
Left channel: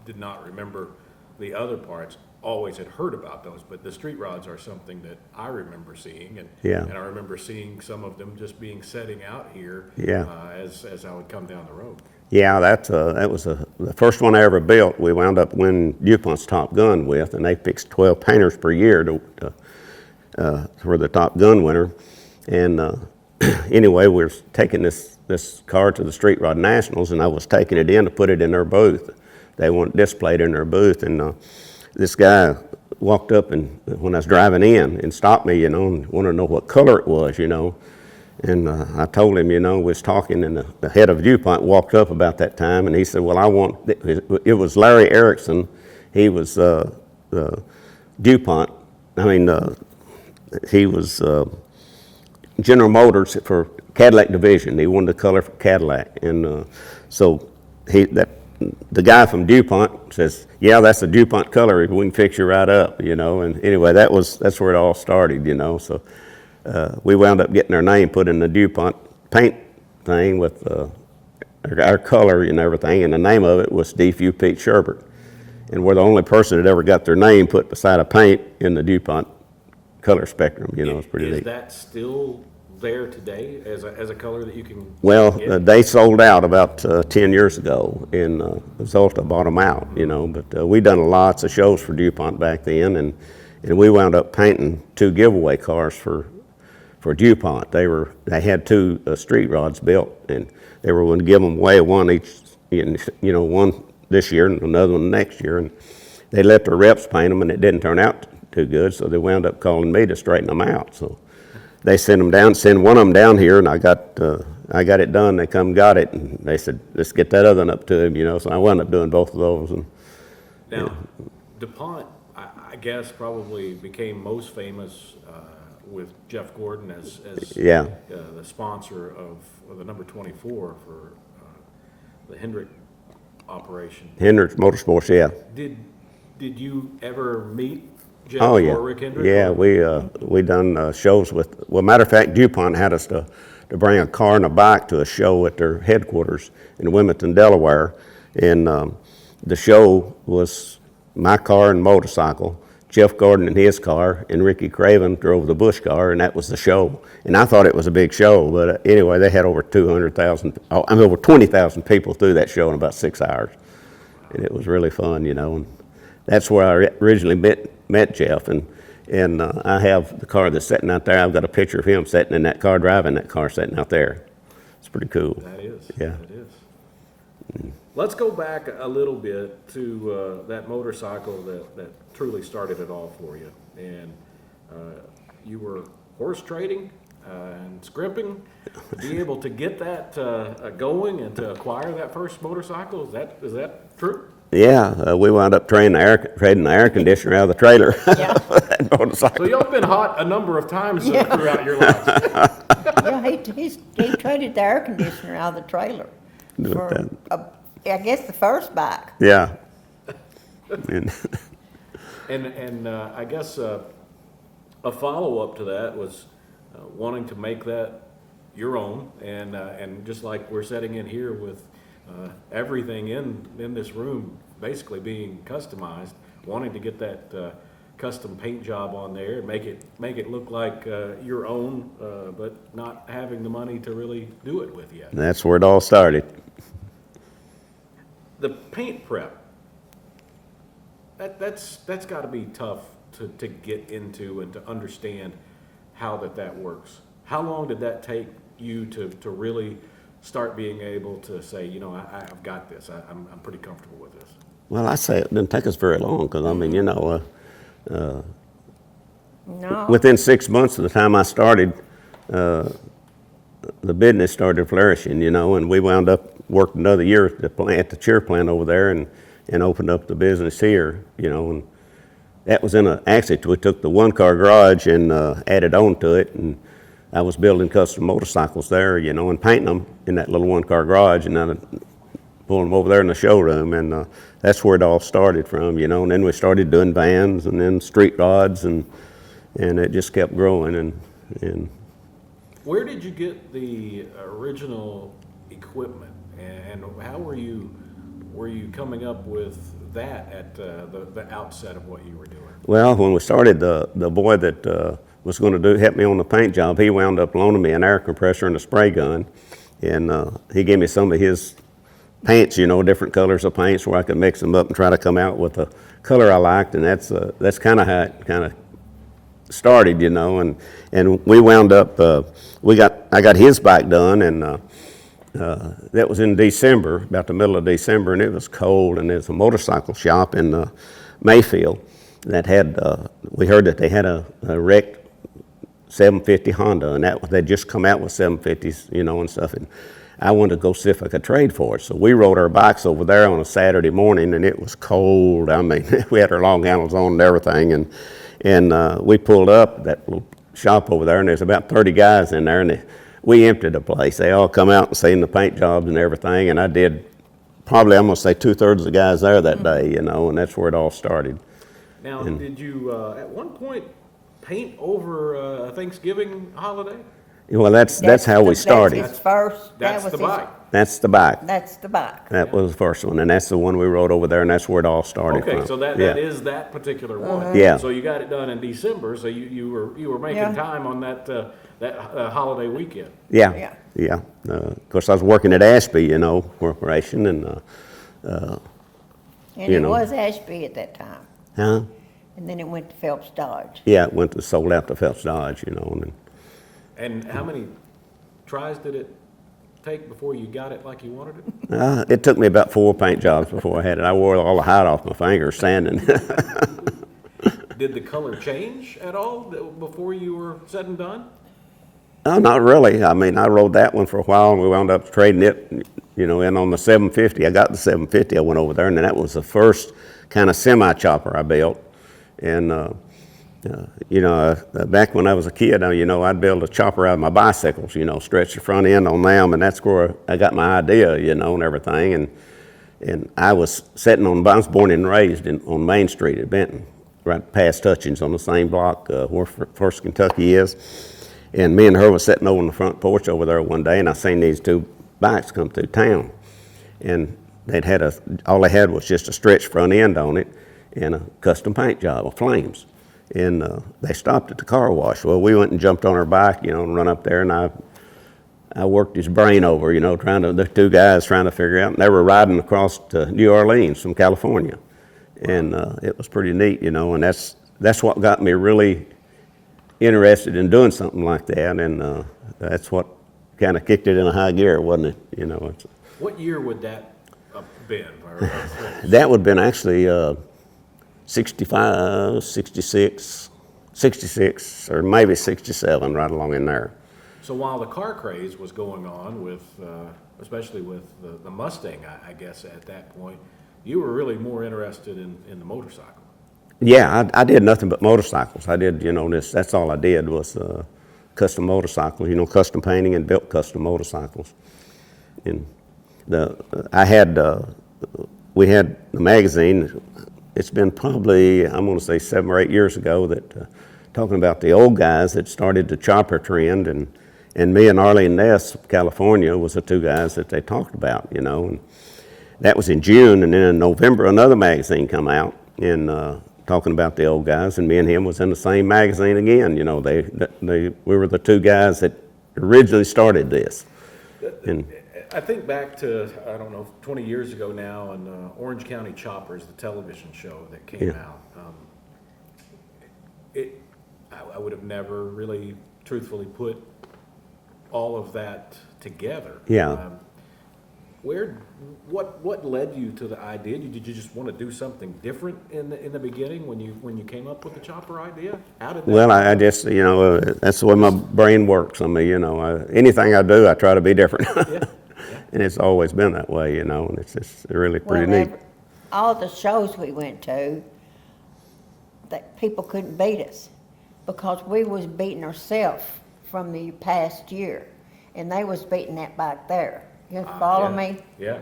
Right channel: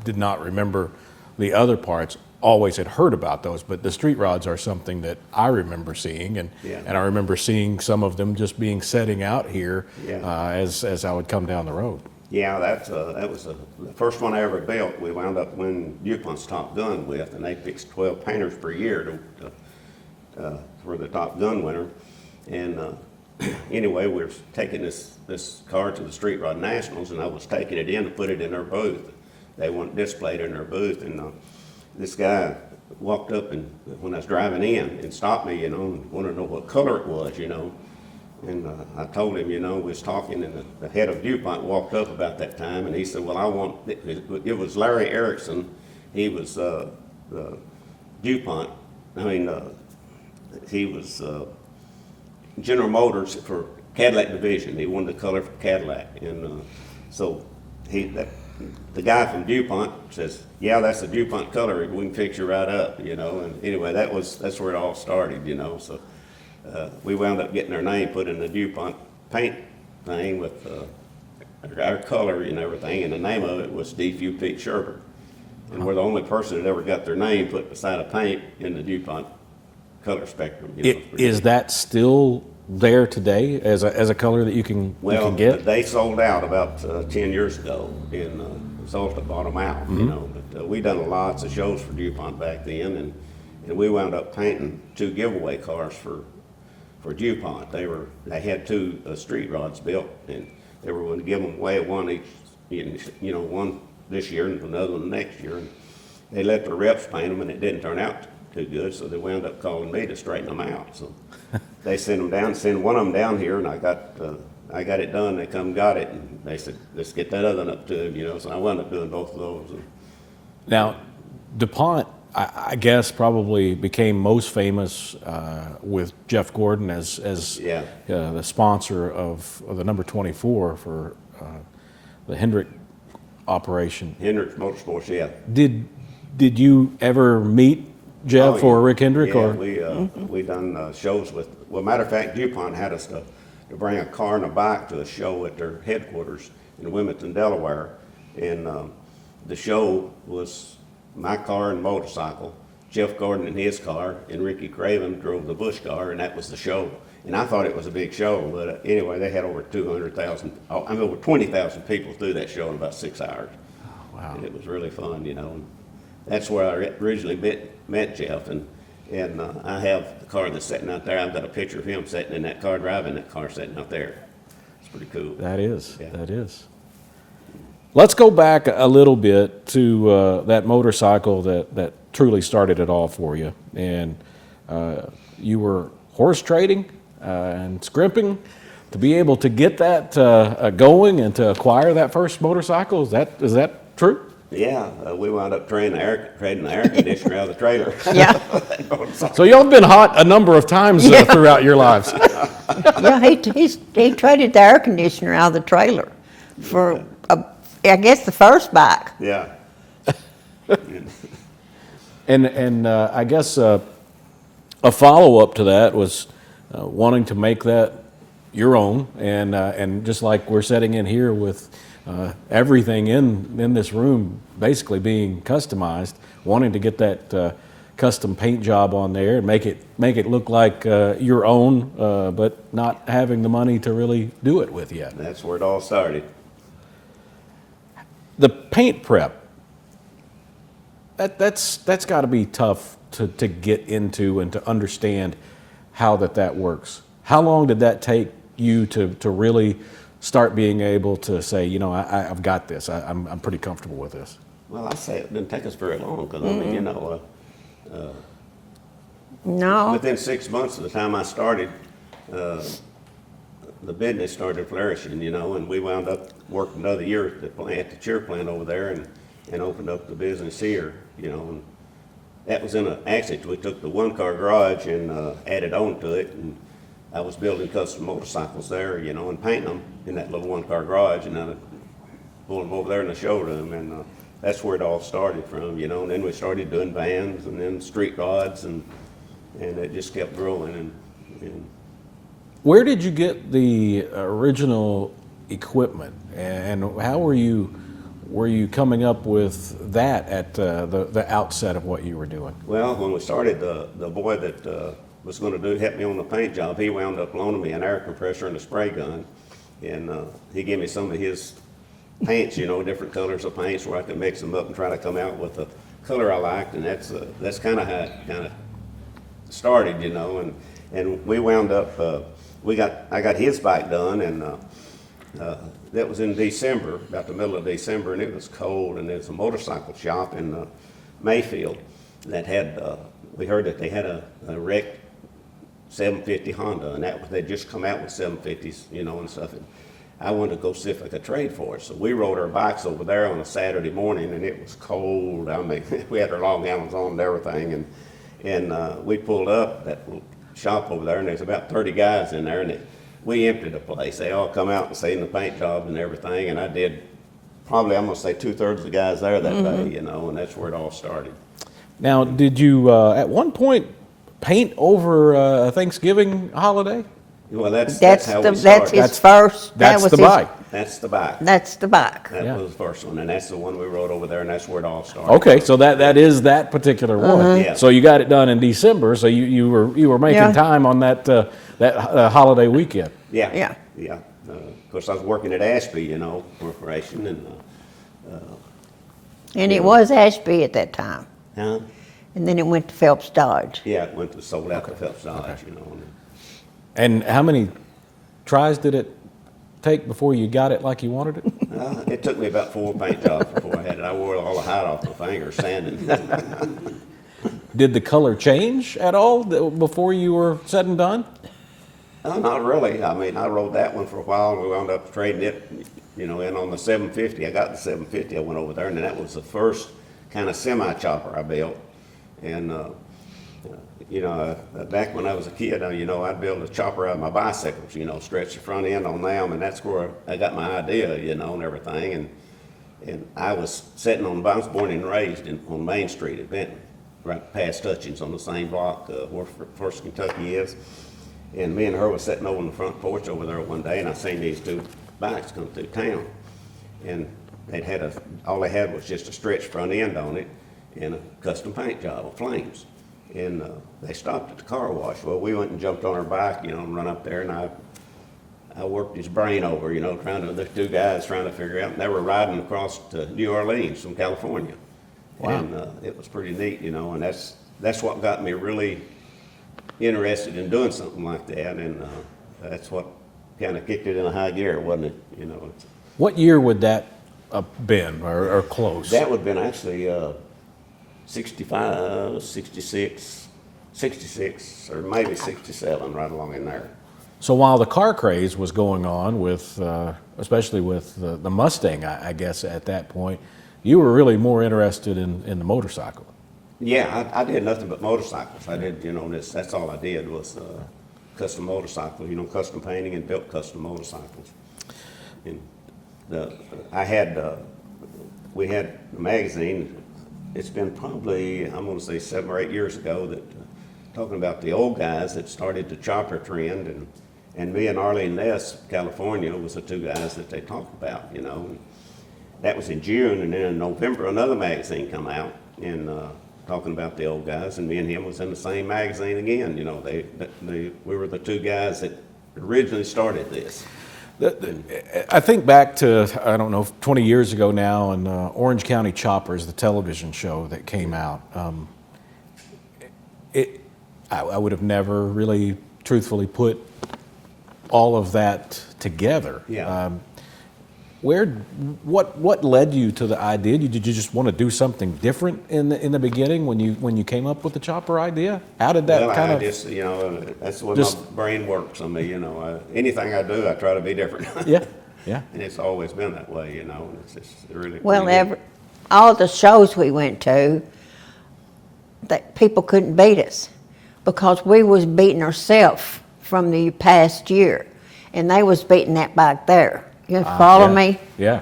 did not remember the other parts. Always had heard about those, but the street rods are something that I remember seeing, and I remember seeing some of them just being setting out here as I would come down the road. Yeah, that was the first one I ever built. We wound up winning DuPont's Top Gun with, and they fixed 12 painters per year for the Top Gun winner. And anyway, we were taking this car to the Street Rod Nationals, and I was taking it in to put it in their booth. They wanted displayed in their booth, and this guy walked up and when I was driving in and stopped me, and wanted to know what color it was, And I told him, we was talking, and the head of DuPont walked up about that time, and he said, "Well, it was Larry Erickson. He was DuPont. He was General Motors for Cadillac division. He wanted the color for Cadillac, and so the guy from DuPont says, "Yeah, that's the DuPont color. We can fix you right up, And anyway, that's where it all started, So we wound up getting our name put in the DuPont paint thing with our color and everything, and the name of it was Defews Pete Sherbert. And we're the only person that ever got their name put beside a paint in the DuPont color spectrum. It's pretty Is neat. that still there today as a color that you can get? They sold out about 10 years ago, and Zolta bought them out, But we done lots of shows for DuPont back then, and we wound up painting 2 giveaway cars for DuPont. They had 2 street rods built, and they were going to give them away, one each, one this year and another one next year. And they let their reps paint them, and it didn't turn out too good, so they wound up calling me to straighten them out. So they sent one of them down here, and I got it done. They come got it, and they said, "Let's get that other one up to him," So I wound up doing both of those. And Now, DuPont I guess probably became most famous with Jeff Gordon as Yeah. the sponsor of the number 24 for the Hendrick operation. Hendrick's Motorsports, yeah. Did you ever meet Jeff Oh, yeah. or Rick Hendrick? Yeah, or- we done shows with. Well, matter of fact, DuPont had us to bring a car and a bike to a show at their headquarters in Wilmington, Delaware, and the show was my car and motorcycle. Jeff Gordon in his car, and Ricky Craven drove the Bush car, and that was the show. And I thought it was a big show, but anyway, they had over 200,000, over 20,000 people through that show in about 6 hours. Wow. And it was really fun, you know. And that's where I originally met Jeff, and I have the car that's sitting out there. I've got a picture of him sitting in that car, driving that car, sitting out there. It's pretty cool. That is. Yeah. That is. Let's go back a little bit to that motorcycle that truly started it all for you. And you were horse trading and scrimping to be able to get that going and to acquire that first motorcycle. Is that true? Yeah, we wound up trading the air conditioner out of the trailer. Yeah. So y'all been hot a number of times Yeah. throughout your lives. Yeah, he traded the air conditioner out of the trailer for, I guess, the first bike. Yeah. And- And I guess a follow-up to that was wanting to make that your own, and just like we're sitting in here with everything in this room basically being customized, wanting to get that custom paint job on there and make it look like your own, but not having the money to really do it with yet. that's where it all started. The paint prep, that's got to be tough to get into and to understand how that works. How long did that take you to really start being able to say, you know, I've got this, I'm pretty comfortable with this? Well, I say it didn't take us very long because, I mean, you know, No. within 6 months of the time I started, the business started flourishing, you know, and we wound up working another year at the cheer plant over there and opened up the business here, you know. And that was actually, we took the one-car garage and added on to it, and I was building custom motorcycles there, you know, and painting them in that little one-car garage, and then I'd pull them over there in the showroom, and that's where it all started from, you know. And then we started doing vans and then street rods, and it just kept growing. And Where did you get the original equipment, and how were you coming up with that at the outset of what you were doing? well, when we started, the boy that was going to help me on the paint job, he wound up loaning me an air compressor and a spray gun, and he gave me some of his paints, you know, different colors of paints where I could mix them up and try to come out with the color I liked, and that's kind of how it kind of started, you know. And we wound up, I got his bike done, and that was in December, about the middle of December, and it was cold, and there's a motorcycle shop in Mayfield that had, we heard that they had a wrecked 750 Honda, and they'd just come out with 750s, you know, and stuff. And I wanted to go see if I could trade for it. So we rode our bikes over there on a Saturday morning, and it was cold. I mean, we had our long handles on and everything, and we pulled up that little shop over there, and there's about 30 guys in there, and we emptied the place. They all come out and seen the paint jobs and everything, and I did probably, I'm gonna say 2/3 of the guys there that day, you know, and that's where it all started. Now, did you at one point paint over a Thanksgiving holiday? Well, that's how we started. That's his first. That's the bike. That's the bike. That's the bike. That Yeah. was the first one, and that's the one we rode over there, and that's where it all started. Okay, from. so that Yeah. is that particular one. Yeah. So you got it done in December. So you were making Yeah. time on that holiday weekend. Yeah. Yeah. Yeah. Of course, I was working at Ashby, you know, Corporation, and And You it know. was Ashby at that time. yeah, And then it went to Phelps Dodge. it went to sold out to Phelps Dodge, you know. And how many tries did it take before you got it like you wanted it? It took me about 4 paint jobs before I had it. I wore all the hide off my fingers sanding. Did the color change at all before you were said and done? No, not really. I mean, I rode that one for a while, and we wound up trading it, you know, and on the 750, I got the 750, I went over there, and that was the first kind of semi-chopper I built. And back when I was a kid, I'd build a chopper out of my bicycles, stretch the front end on them, and that's where I got my idea, and everything. And I was sitting I was born and raised on Main Street at Benton, right past Hutchins on the same block where First Kentucky is. And me and her was sitting over on the front porch over there one day, and I seen these two bikes come through town. And all they had was just a stretch front end on it and a custom paint job of flames. And they stopped at the car wash. Well, we went and jumped on our bike, and run up there, and I worked his brain over, the two guys trying to figure out, and they were riding across to New Orleans from California. Wow. And it was pretty neat, and that's what got me really interested in doing something like that, and that's what kind of kicked it in a high gear, wasn't it? What year would that have been, or close? That would have been actually 65, 66, or maybe 67, right along in there. So while the car craze was going on with, especially with the Mustang, I guess at that point, you were really more interested in the motorcycle. Yeah, I did nothing but motorcycles. I did, that's all I did was custom motorcycles, custom painting and built custom motorcycles. And we had the magazine. It's been probably, I'm going to say 7 or 8 years ago that talking about the old guys that started the chopper trend, and me and Arlene Ness of California was the two guys that they talked about, and that was in June, and then in November another magazine come out and talking about the old guys, and me and him was in the same magazine again. We were the two guys that originally started this. I think back to, 20 years ago now, and Orange County Choppers, the television show that came out. I would have never really, truthfully, put all of that together. Yeah. What led you to the idea? Did you just want to do something different in the beginning when you came up with the chopper idea? How did that? Well, I just that's the way my brain works. Anything I do, I try to be different. Yeah. And it's always been that way, and it's just really pretty neat. All the shows we went to, that people couldn't beat us because we was beating ourselves from the past year, and they was beating that back there. You follow me? Yeah.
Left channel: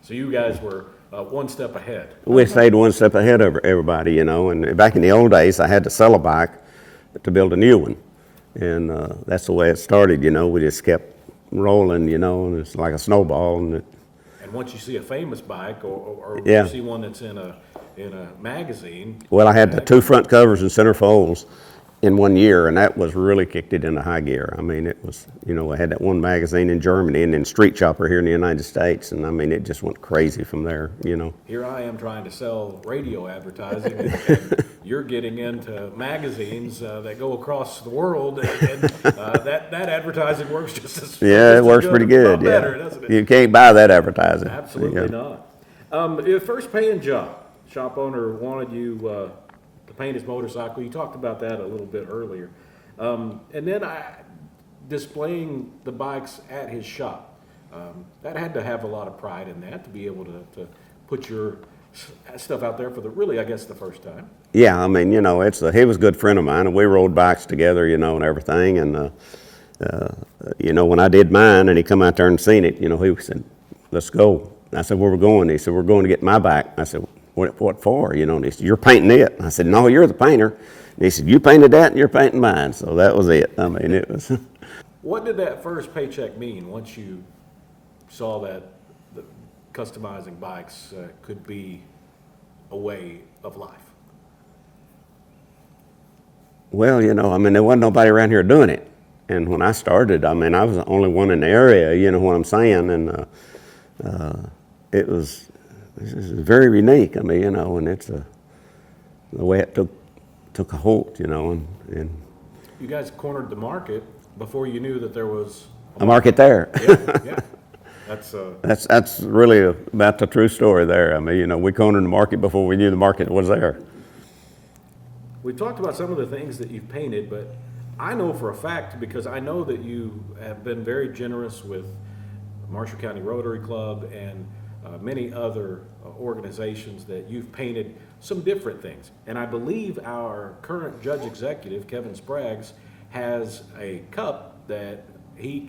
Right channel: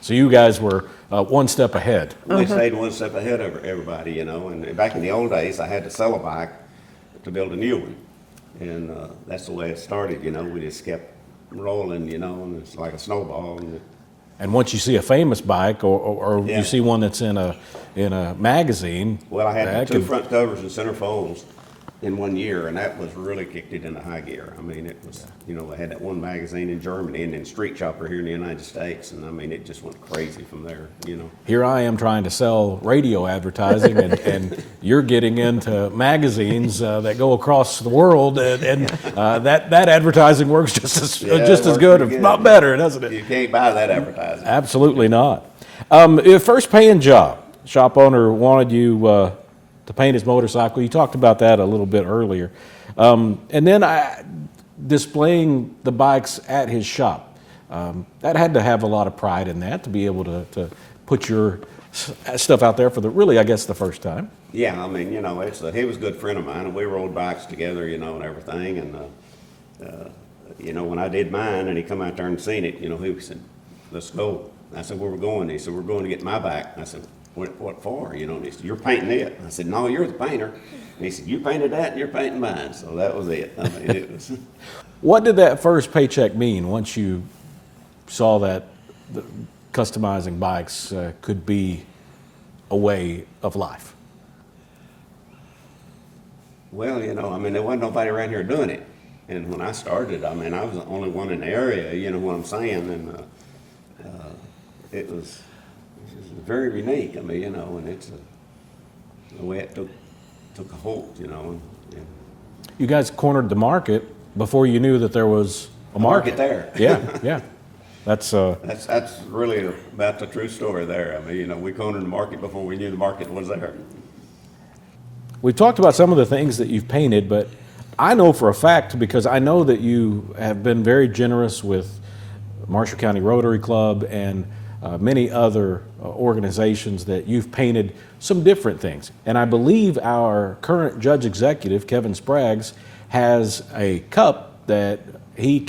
So you guys were one step ahead. We stayed one step ahead of everybody, and back in the old days, I had to sell a bike to build a new one. And that's the way it started, we just kept rolling, and it's like a snowball. And once you see a famous bike or you see one that's in a magazine. Well, I had the two front covers and centerfolds in 1 year, and that was really kicked it into high gear. It was, I had that one magazine in Germany and then Street Chopper here in the United States, and it just went crazy from there, Here I am trying to sell radio advertising, and you're getting into magazines that go across the world, and that advertising works just as good, if not better, doesn't it? You can't buy that advertising. Absolutely not. Your first paying job, shop owner wanted you to paint his motorcycle. You talked about that a little bit earlier. And then displaying the bikes at his shop. That had to have a lot of pride in that, to be able to put your stuff out there for the first time. Yeah, he was a good friend of mine, and we rode bikes together, and everything. And, when I did mine and he come out there and seen it, he said, "Let's go." I said, "Where we going?" He said, "We're going to get my bike." I said, What for? And he said, "You're painting it." I said, "No, you're the painter." And he said, "You painted that and you're painting mine." So that was it. It was. What did that first paycheck mean once you saw that customizing bikes could be a way of life? Well, there wasn't nobody around here doing it. And when I started, I was the only one in the area, you know what I'm saying? And it was very unique, and it's the way it took a hold, and you guys cornered the market before you knew that there was a market there. Yeah. That's really about the true story there. We cornered the market before we knew the market was there. We've talked about some of the things that you've painted, but I know for a fact, because I know that you have been very generous with Marshall County Rotary Club and many other organizations that you've painted some different things. And I believe our current judge executive, Kevin Spraggs, has a cup that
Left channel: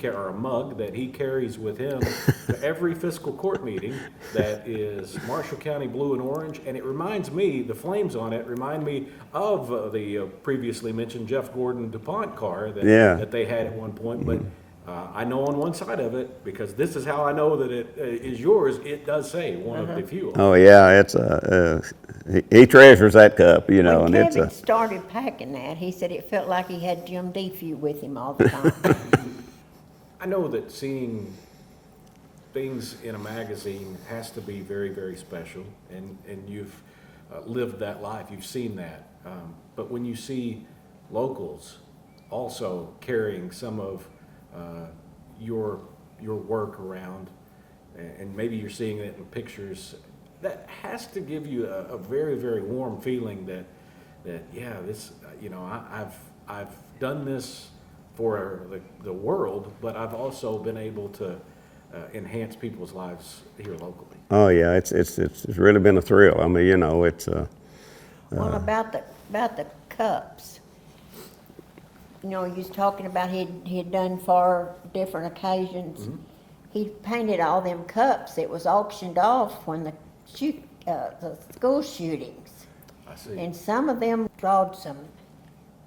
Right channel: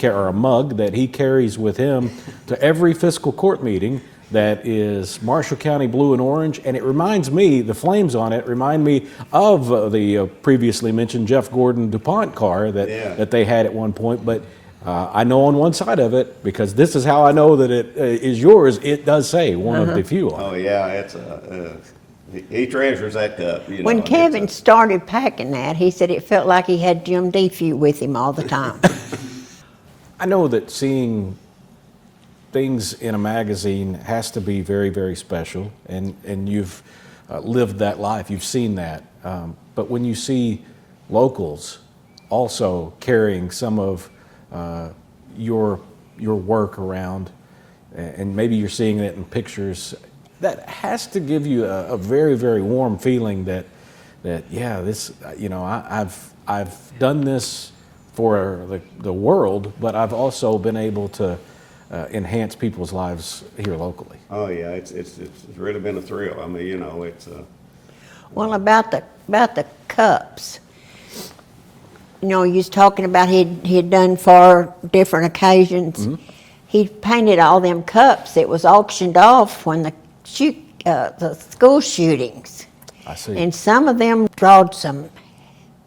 or a mug that he carries with him to every fiscal court meeting that is Marshall County blue and orange. And it reminds me, the flames on it remind me of the previously mentioned Jeff Gordon DuPont car that they had at one point. But I know on one side of it, because this is how I know that it is yours, it does say one of Defews. Oh yeah, it's he treasures that cup, you know. When Kevin started packing that, he said it felt like he had Jim Defews with him all the time. I know that seeing things in a magazine has to be very, very special, and you've lived that life, you've seen that. But when you see locals also carrying some of your work around, and maybe you're seeing it in pictures, that has to give you a very, very warm feeling that yeah, this, you know, I've done this for the world, but I've also been able to enhance people's lives here locally. Oh yeah, it's really been a thrill. I mean, you know, it's Well, about the cups, you know, you was talking about he'd done for different occasions. Mm-hmm. He painted all them cups that was auctioned off when the school shootings. I see. And some of them drawed some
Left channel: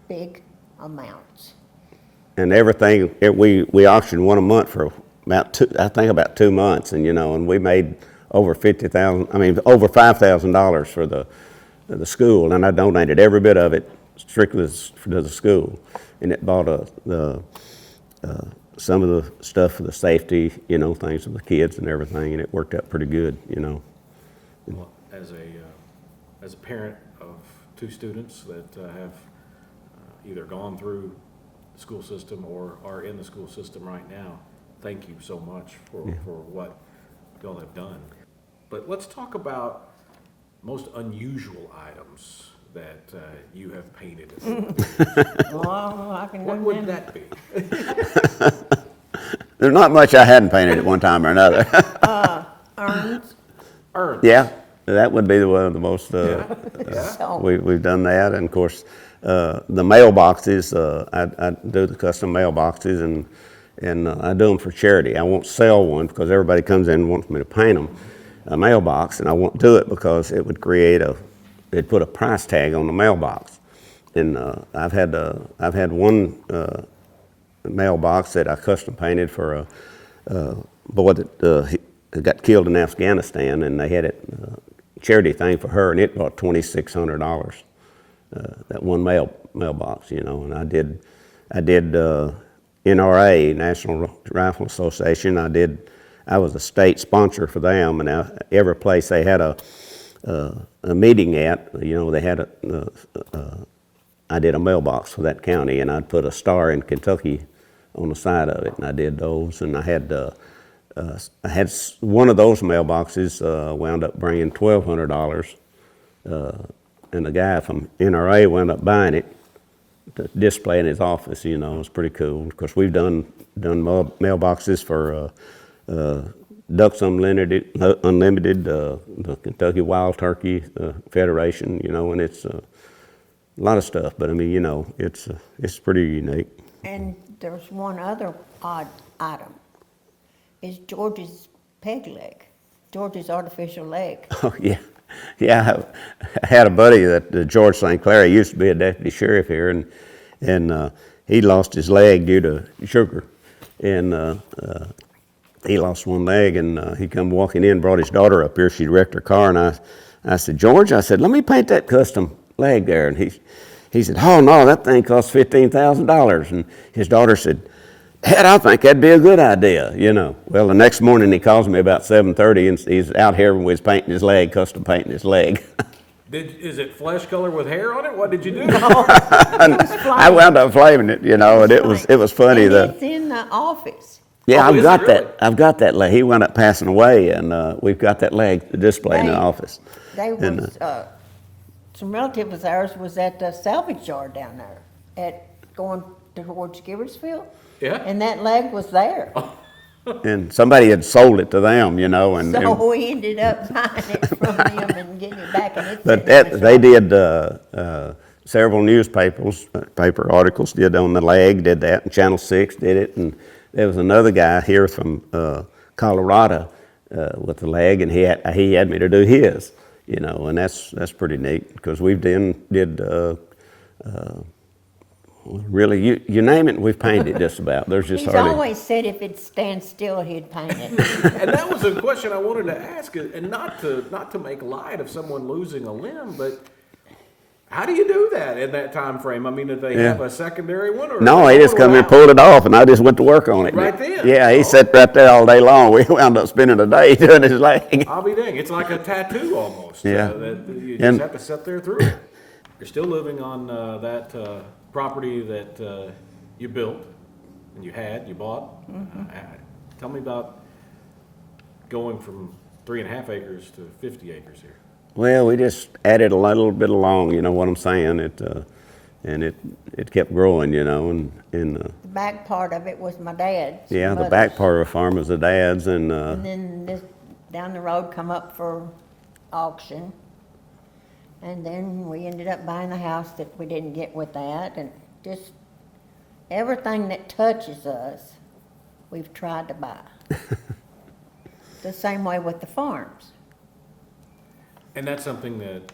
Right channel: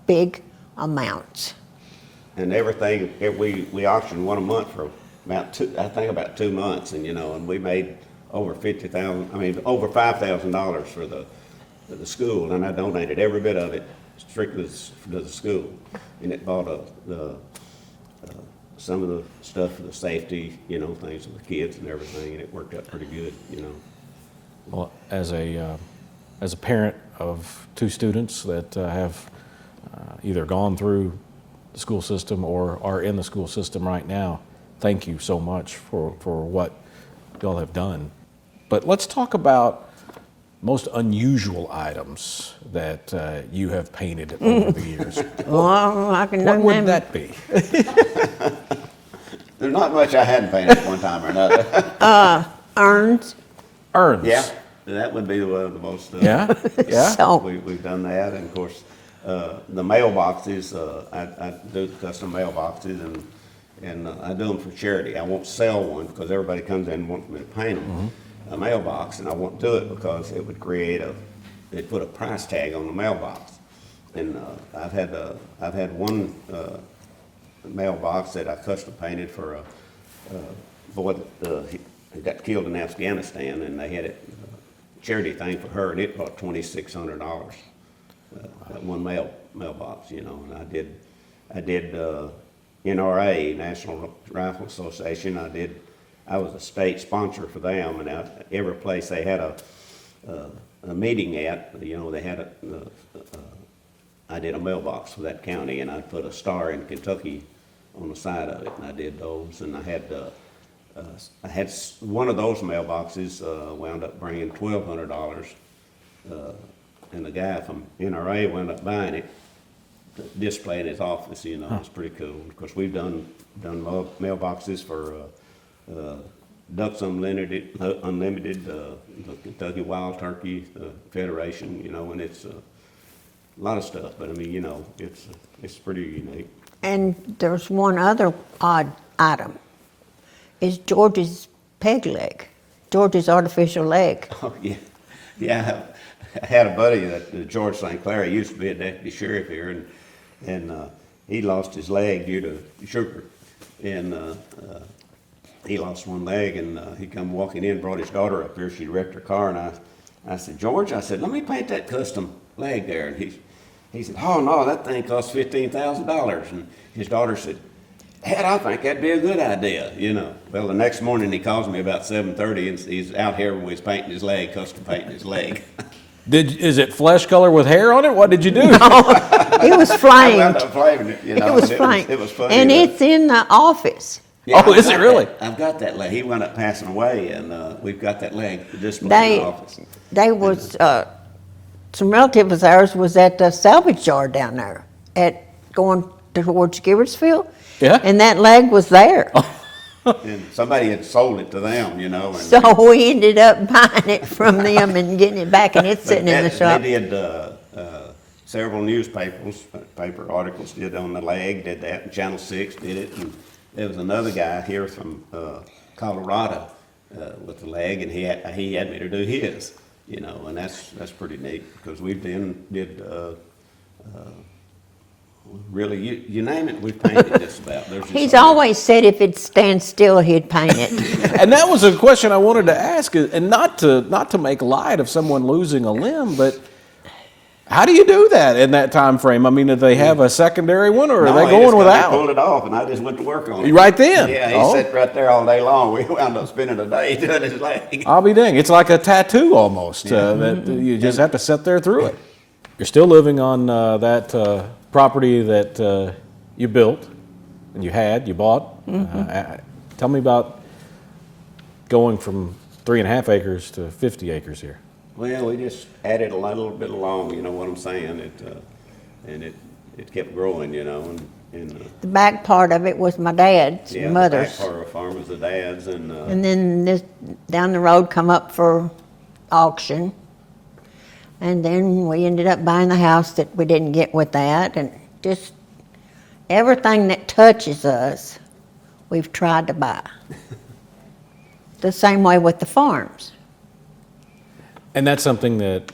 big amounts. And everything, we auctioned one a month for about 2 months, and you know, and we made over $5,000 for the school, and I donated every bit of it strictly to the school, and it bought some of the stuff for the safety, you know, things for the kids and everything, and it worked out pretty good, you know. Well, as a parent of 2 students that have either gone through the school system or are in the school system right now, thank you so much for what y'all have done. But let's talk about most unusual items that you have painted over the years. Well, I can What name would them. that be? There's not much I hadn't painted at one time or another. Urns. Urns. Yeah, that would be one of the most. Yeah. So, We've done that, and of course, the mailboxes. I do the custom mailboxes, and I do them for charity. I won't sell one because everybody comes in and wants me to paint them a mailbox, and I won't do it because it would it'd put a price tag on the mailbox. And I've had one mailbox that I custom painted for a boy that he got killed in Afghanistan, and they had it charity thing for her, and it brought $2,600. That one mailbox, you know, and I did NRA, National Rifle Association. I was a state sponsor for them, and every place they had a meeting at, you know, they had I did a mailbox for that county, and I'd put a star in Kentucky on the side of it, and I did those, and I had one of those mailboxes wound up bringing $1,200, and the guy from NRA wound up buying it to display in his office. You know, it was pretty cool. Of course, we've done mailboxes for Ducks Unlimited, the Kentucky Wild Turkey Federation. You know, and it's a lot of stuff. But I mean, you know, it's pretty unique. and there's one other odd item. Is George's peg leg, George's artificial leg. Oh yeah, yeah. I had a buddy that George St. Clair. He used to be a deputy sheriff here, and he lost his leg due to sugar, and he lost one leg, and he come walking in, brought his daughter up here. She wrecked her car, and I said, George, I said, let me paint that custom leg there, and he said, oh no, that thing costs $15,000, and his daughter said, Dad, I think that'd be a good idea, you know. Well, the next morning he calls me about 7:30, and he's out here with painting his leg, custom painting his leg. Is it flesh color with hair on it? What did you do? It was I flamed. wound up flaming it, you know, and it was funny. And that, it's in the office. yeah, Oh, is it really? I've got that leg. He wound up passing away, and we've got that leg to display in the office. They was, some relatives of ours was at the salvage yard down there going towards Gibbersville. Yeah. And that leg was there. And somebody had sold it to them, you know. And So we ended up buying it from them and getting it back, and it's sitting in the shop. they did several paper articles did on the leg, did that, and Channel 6 did it, and there was another guy here from Colorado with the leg, and he had me to do his, you know, and that's pretty neat because we've did really you name it, we've painted just about. There's just He's hardly- always said if it stands still, he'd paint it. And that was a question I wanted to ask, and not to make light of someone losing a limb, but how do you do that in that time frame? I mean, did they have a secondary one, or No, are they he just going come and without? pulled it off, and I just went to work on it. Right then? Yeah, he Oh. sat right there all day long. We wound up spending a day doing his leg. I'll be dang. It's like a tattoo almost. Yeah. That you just And- have to sit there through it. You're still living on that property that you built and you bought. Tell me about going from 3.5 acres to 50 acres here. Well, we just added a little bit along, you know what I'm saying? And it kept growing, you know, and The back part of it was my dad's, yeah, mother's. the back part of the farm was the dad's, and And then this down the road come up for auction. And then we ended up buying the house that we didn't get with that, and just everything that touches us, we've tried to buy. The same way with the farms. And that's something that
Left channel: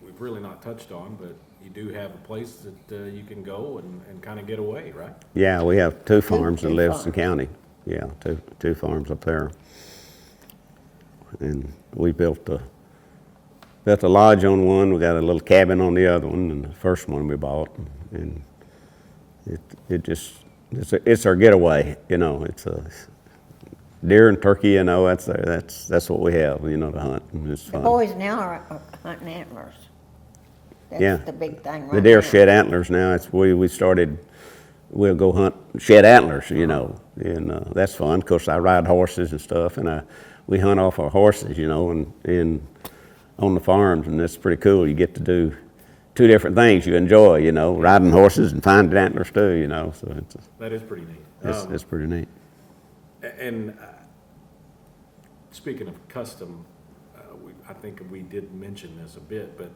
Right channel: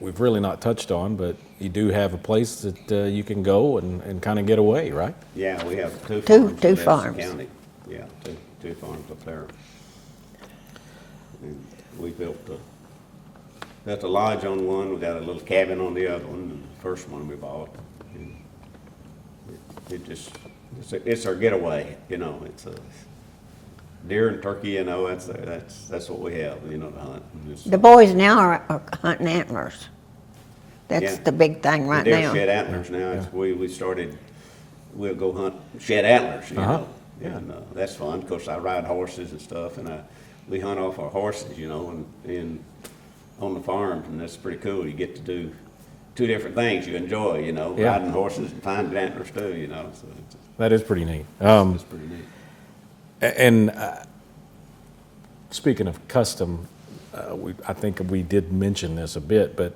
we've really not touched on, but you do have a place that you can go and kind of get away, right? yeah, we have two farms in two Livingston farms. County. Yeah, two farms up there. And we built a lodge on one, we got a little cabin on the other one, and the first one we bought. And it's our getaway, you know. It's a deer and turkey, you know. That's what we have, you know, to hunt. And it's The fun. boys now are hunting antlers. That's Yeah. the big thing The right deer now. shed antlers now. It's we started. We'll go hunt shed antlers, you know, and that's fun. Of course, I ride horses and stuff, and we hunt off our horses, you know, and on the farms, and that's pretty cool. You get to do two different things you enjoy, you know, Yeah. riding horses and finding antlers too, you know. So That is pretty neat. it's pretty neat. And speaking of custom, I think we did mention this a bit, but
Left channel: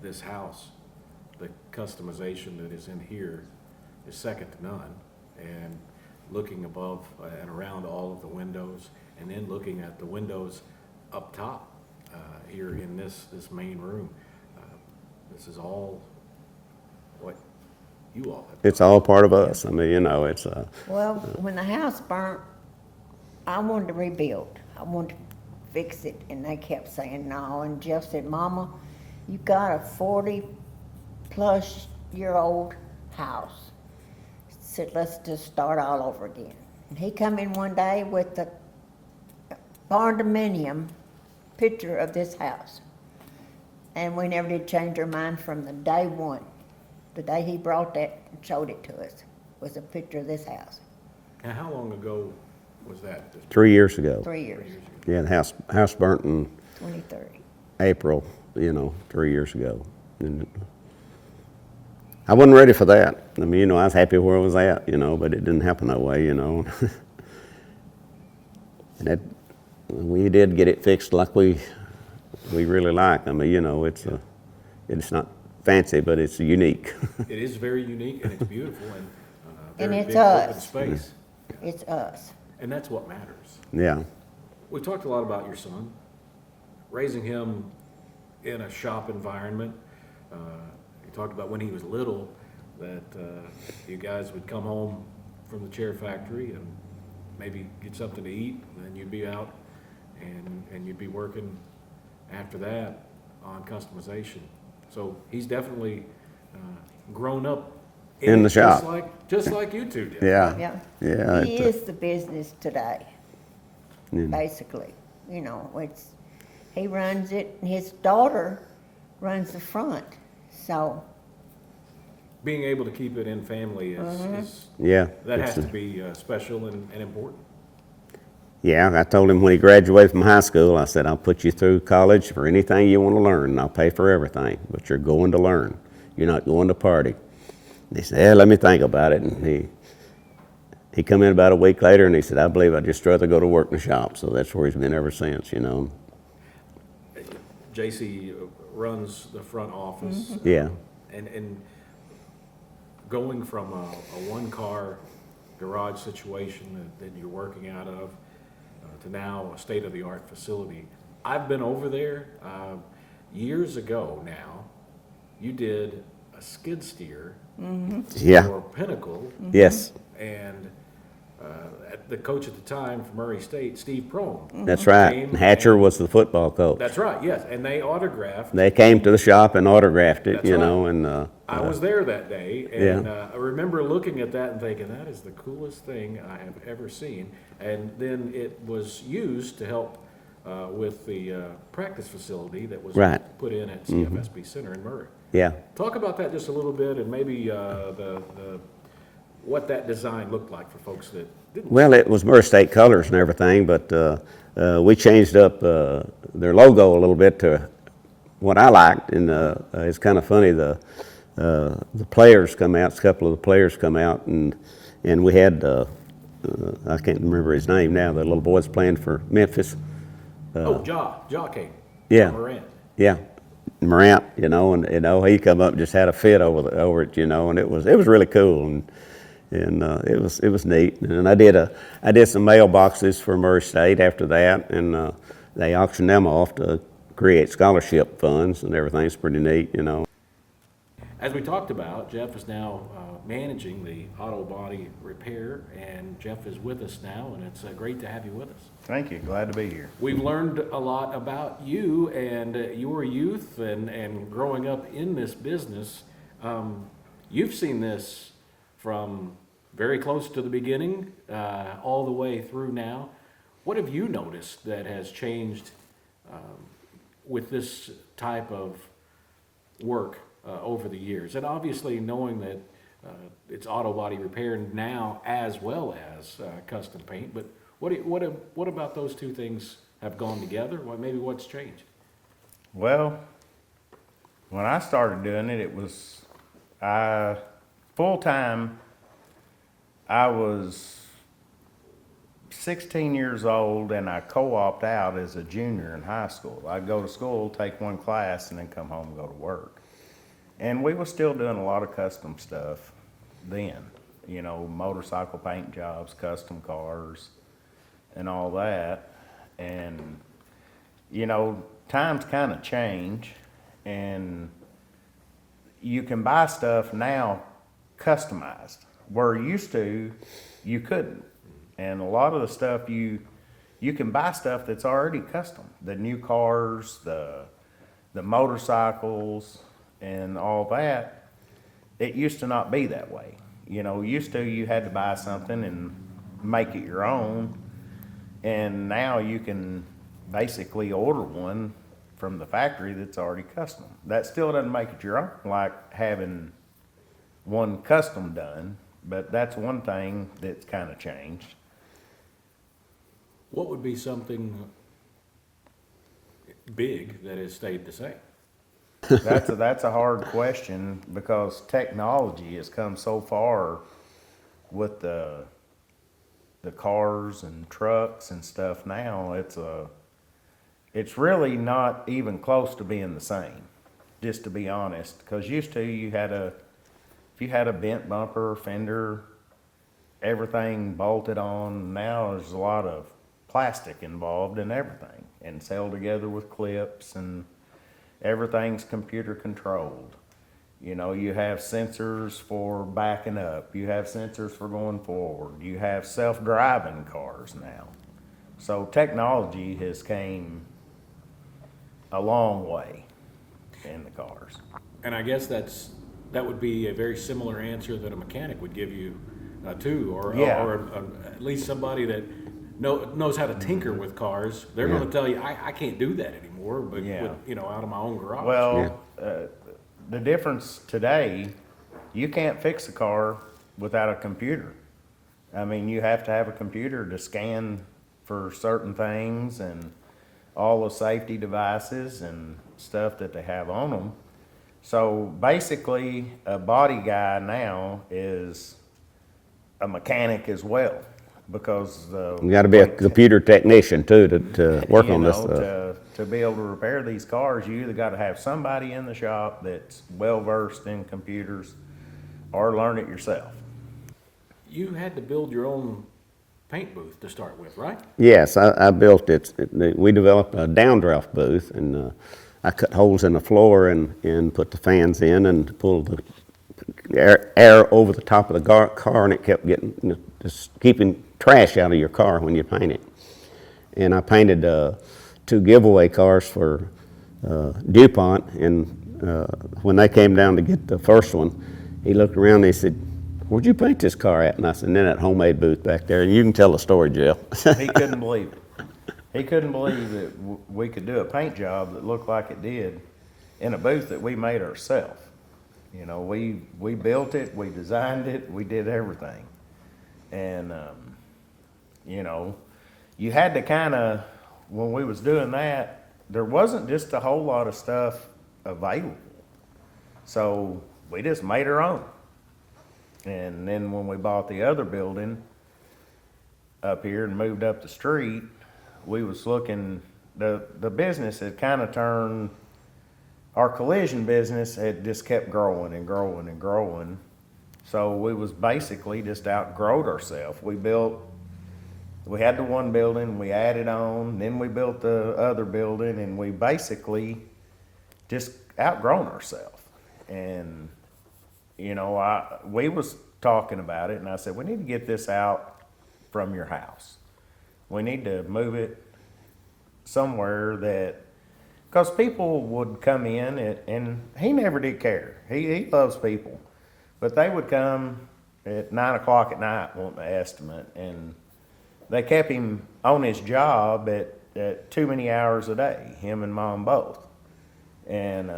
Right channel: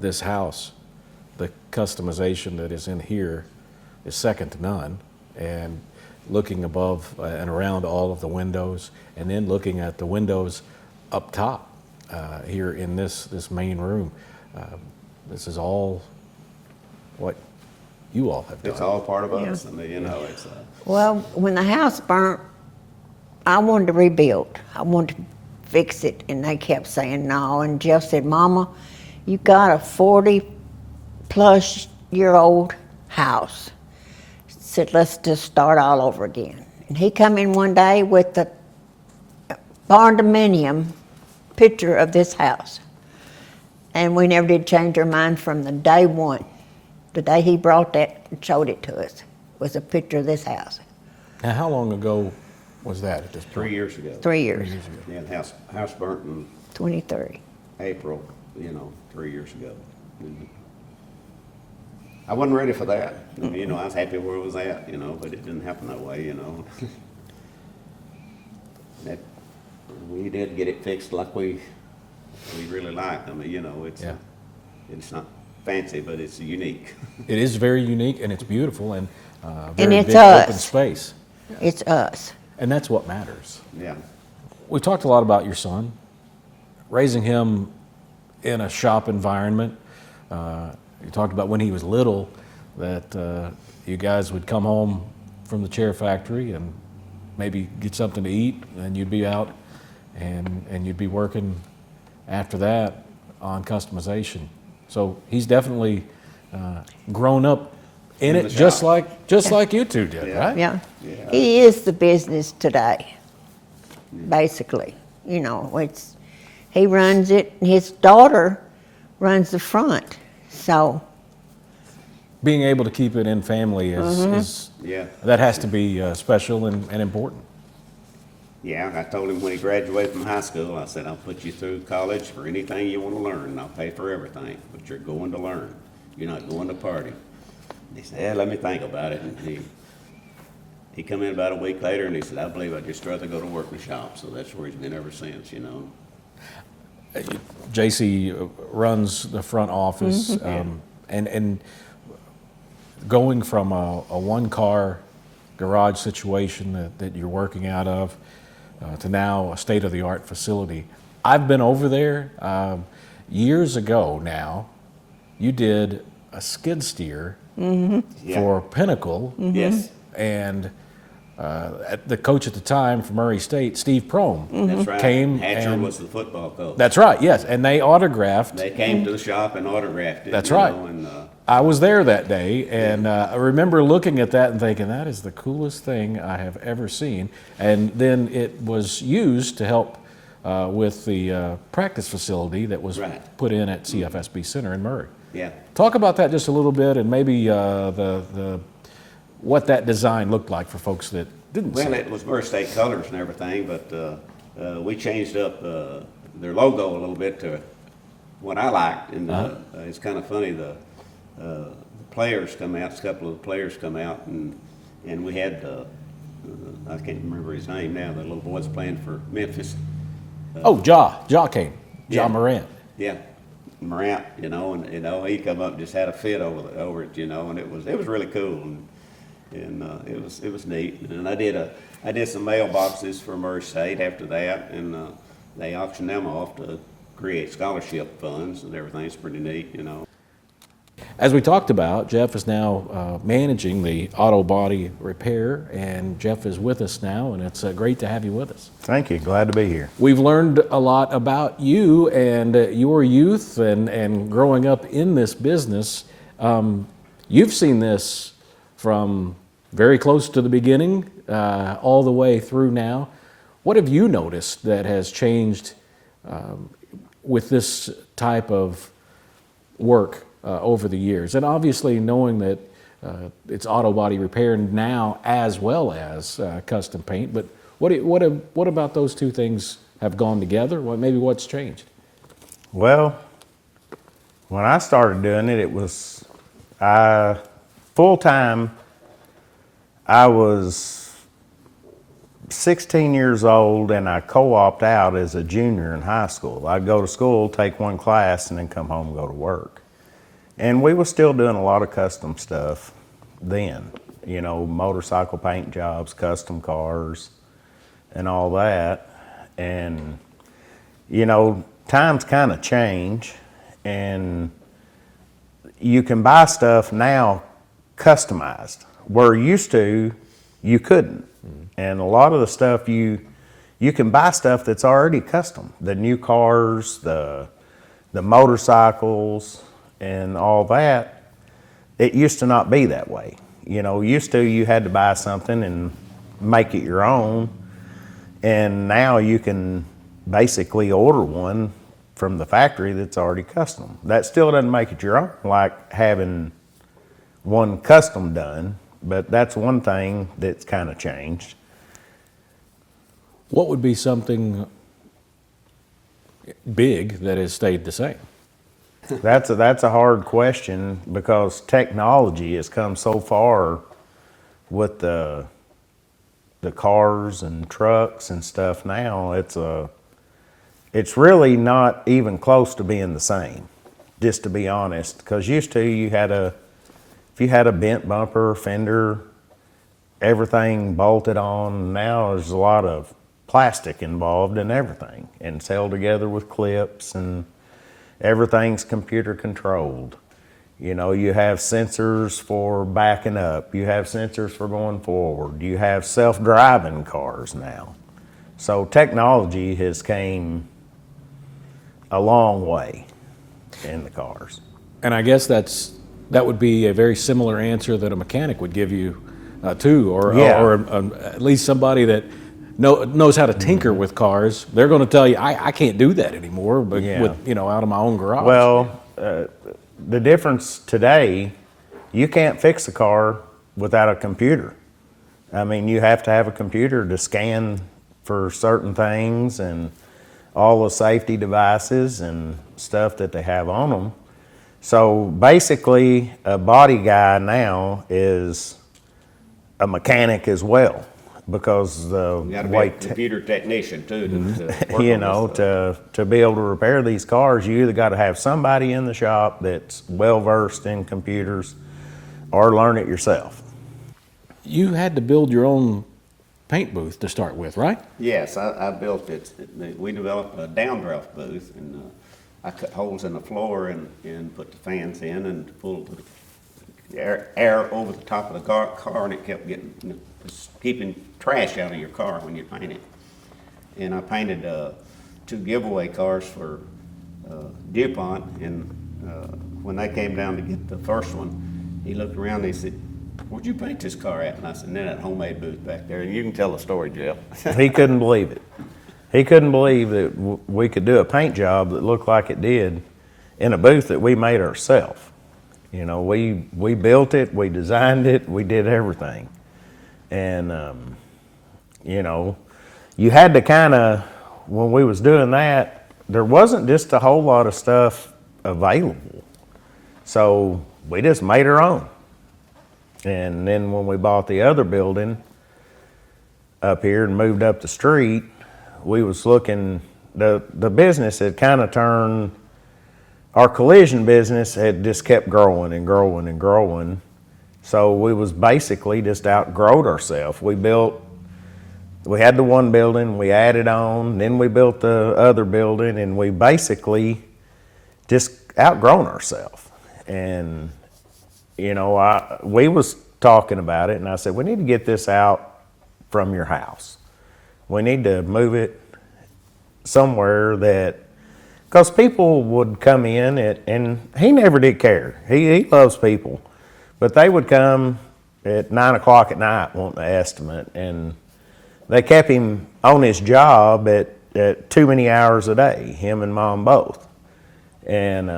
this house, the customization that is in here is second to none. And looking above and around all of the windows, and then looking at the windows up top here in this main room, this is all what you all have done. It's all part of us. I mean, you know, it's Well, when the house burnt, I wanted to rebuild. I wanted to fix it, and they kept saying no. And Jeff said, Mama, you got a 40-plus-year-old house. He said, let's just start all over again. And he come in one day with the barn dominium picture of this house. And we never did change our mind from the day one. The day he brought that and showed it to us was a picture of this house. Now, how long ago was that at this point? 3 years ago. 3 years, Yeah, the house burnt in 23. April, you know, 3 years ago. And I wasn't ready for that. I mean, you know, I was happy where I was at, you know, but it didn't happen that way, you know. And we did get it fixed like we really like. I mean, you know, it's not fancy, but it's unique. It is very unique, and it's beautiful, and And very it's big open us. space. It's us. And that's what matters. Yeah. We talked a lot about your son, raising him in a shop environment. You talked about when he was little that you guys would come home from the chair factory and maybe get something to eat, and you'd be out and you'd be working after that on customization. So he's definitely grown up in In it the just shop. like you two did, Yeah. right? Yeah. Yeah, He is the business today, basically. You know, he runs it, and his daughter runs the front. So, Being able to keep it in family is Yeah. that has to be special and important. Yeah, I told him when he graduated from high school, I said, I'll put you through college for anything you want to learn, and I'll pay for everything, but you're going to learn. You're not going to party. And he said, yeah, let me think about it. And he come in about a week later and he said, I believe I'd just rather go to work in the shop. So that's where he's been ever since, you know. JC runs the front office. Yeah. And going from a one-car garage situation that you're working out of to now a state-of-the-art facility. I've been over there years ago now. You did a skid steer Yeah. for Pinnacle. Yes. And the coach at the time for Murray State, Steve Prohm. That's right. Came Hatcher and- was the football coach. That's right, yes. And they autographed. They came to the shop and autographed it, That's you right. know, and I was there that day, and I remember looking at that and thinking, that is the coolest thing I have ever seen. And then it was used to help with the practice facility that was Right. put in at CFSB Center in Murray. yeah. Talk about that just a little bit, and maybe the what that design looked like for folks that didn't Well, it was Murray State colors and everything, but we changed up their logo a little bit to what I liked, and it's kind of funny. The players come out, a couple of the players come out, and we had I can't remember his name now. The little boy's playing for Memphis. Jaw came. Yeah. Jaw Morant. Yeah, Morant, you know, and you know he come up and just had a fit over it, you know, and it was really cool, and it was neat. And I did some mailboxes for Murray State after that, and they auctioned them off to create scholarship funds and everything. It's pretty neat, you know. As we talked about, Jeff is now managing the auto body repair, and Jeff is with us now, and it's great to have you with us. Thank you. Glad to be here. We've learned a lot about you and your youth and growing up in this business. You've seen this from very close to the beginning all the way through now. What have you noticed that has changed with this type of work over the years? And obviously knowing that it's auto body repair now as well as custom paint, but what about those two things have gone together? Maybe what's changed? Well, when I started doing it, it was full time. I was 16 years old, and I co-opted out as a junior in high school. I'd go to school, take one class, and then come home and go to work. And we were still doing a lot of custom stuff then, you know, motorcycle paint jobs, custom cars, and all that. And, you know, times kind of change, and you can buy stuff now customized, where used to you couldn't. And a lot of the stuff you can buy stuff that's already custom. The new cars, the motorcycles, and all that. It used to not be that way. You know, used to you had to buy something and make it your own. And now you can basically order one from the factory that's already custom. That still doesn't make it your own, like having one custom done, but that's one thing that's kind of changed. What would be something big that has stayed the same? That's a hard question, because technology has come so far with the cars and trucks and stuff now. It's really not even close to being the same, just to be honest. Because used to if you had a bent bumper, fender, everything bolted on. Now there's a lot of plastic involved in everything, and it's held together with clips, and everything's computer controlled. You know, you have sensors for backing up, you have sensors for going forward, you have self-driving cars now. So technology has came a long way in the cars. And I guess that would be a very similar answer that a mechanic would give you too, or at least somebody that knows how to tinker with cars. They're going to tell you, I can't do that anymore, but with out of my own garage. Well, the difference today, you can't fix a car without a computer. I mean, you have to have a computer to scan for certain things and all the safety devices and stuff that they have on them. So basically, a body guy now is a mechanic as well, because You got to be a computer technician too to work you on know, this stuff. to be able to repair these cars, you either got to have somebody in the shop that's well versed in computers, or learn it yourself. You had to build your own paint booth to start with, right? Yes, I built it. We developed a downdraft booth, and I cut holes in the floor and put the fans in and pulled the air over the top of the car, and it kept getting, just keeping trash out of your car when you paint it. And I painted 2 giveaway cars for DuPont, and when they came down to get the first one, he looked around and he said, "Where'd you paint this car at?" And I said, "In that homemade booth back there." And you can tell the story, Jill. He couldn't believe it. He couldn't believe that we could do a paint job that looked like it did in a booth that we made ourselves. You know, we built it, we designed it, we did everything. And, you know, you had to kind of, when we was doing that, there wasn't just a whole lot of stuff available. So we just made our own. And then when we bought the other building up here and moved up the street, we was looking, the business had kind of turned, our collision business had just kept growing and growing and growing. So we was basically just outgrowed ourselves. We had the one building, we added on, then we built the other building, and we basically just outgrown ourselves. And, you know, we was talking about it, and I said, we need to get this out from your house. We need to move it somewhere that, because people would come in, and he never did care. He loves people. But they would come at 9 o'clock at night wanting an estimate, and they kept him on his job at too many hours a day, him and Mom both. And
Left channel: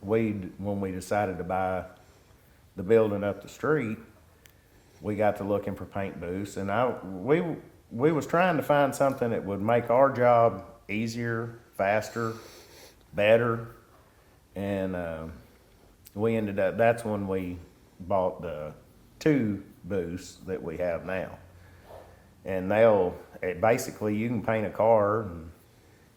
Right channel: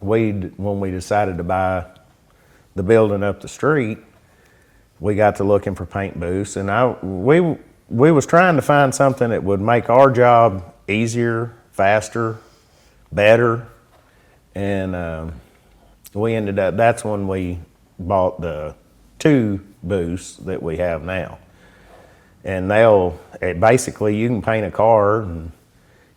when we decided to buy the building up the street, we got to looking for paint booths, and we was trying to find something that would make our job easier, faster, better, and we ended up, that's when we bought the 2 booths that we have now. And basically you can paint a car, and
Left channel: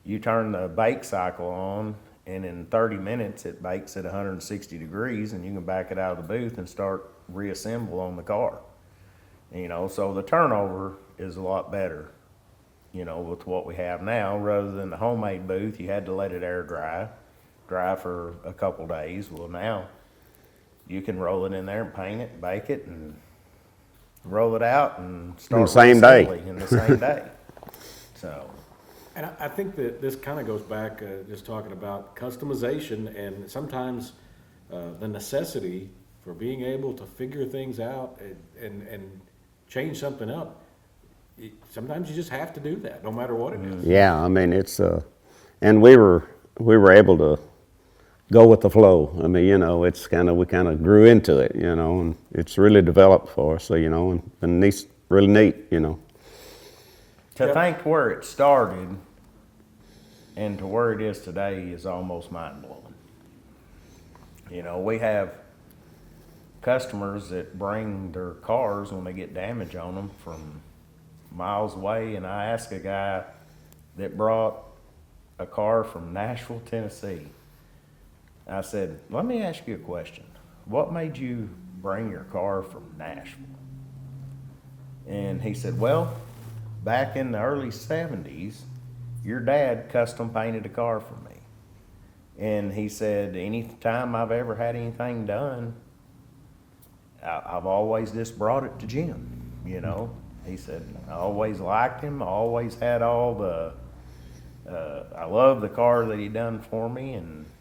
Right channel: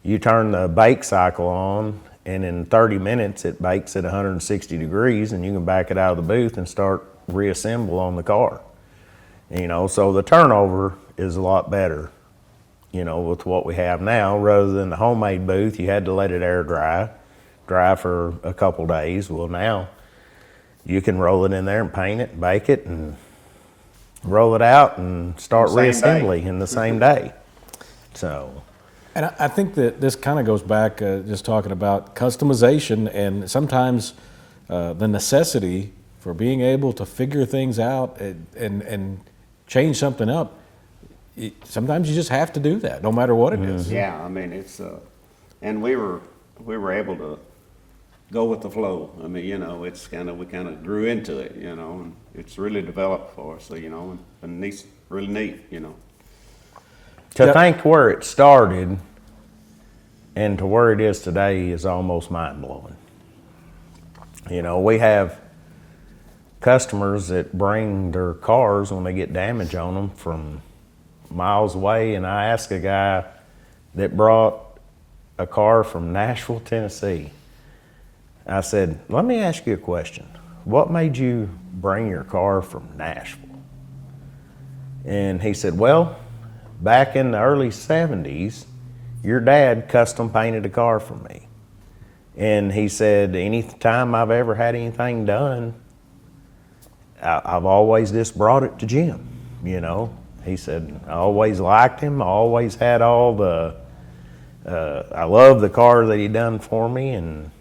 you turn the bake cycle on, and in 30 minutes it bakes at 160 degrees, and you can back it out of the booth and start reassemble on the car. You know, so the turnover is a lot better, you know, with what we have now. Rather than the homemade booth, you had to let it air dry for a couple days. Well, now you can roll it in there and paint it, bake it, and roll it out and start reassembly in the same day. So, And I think that this kind of goes back just talking about customization, and sometimes the necessity for being able to figure things out and change something up. Sometimes you just have to do that, no matter what it is. Yeah, I mean, it's, and we were able to go with the flow. I mean, you know, we kind of grew into it, you know, and it's really developed for us, so, you know, and it's really neat, you know. to think where it started and to where it is today is almost mind-blowing. You know, we have customers that bring their cars when they get damage on them from miles away, and I asked a guy that brought a car from Nashville, Tennessee. I said, let me ask you a question. What made you bring your car from Nashville? And he said, well, back in the early 70s, your dad custom painted a car for me. And he said, any time I've ever had anything done, I've always just brought it to Jim, you know. He said, I always liked him. I always had all the, I love the car that he done for me, and,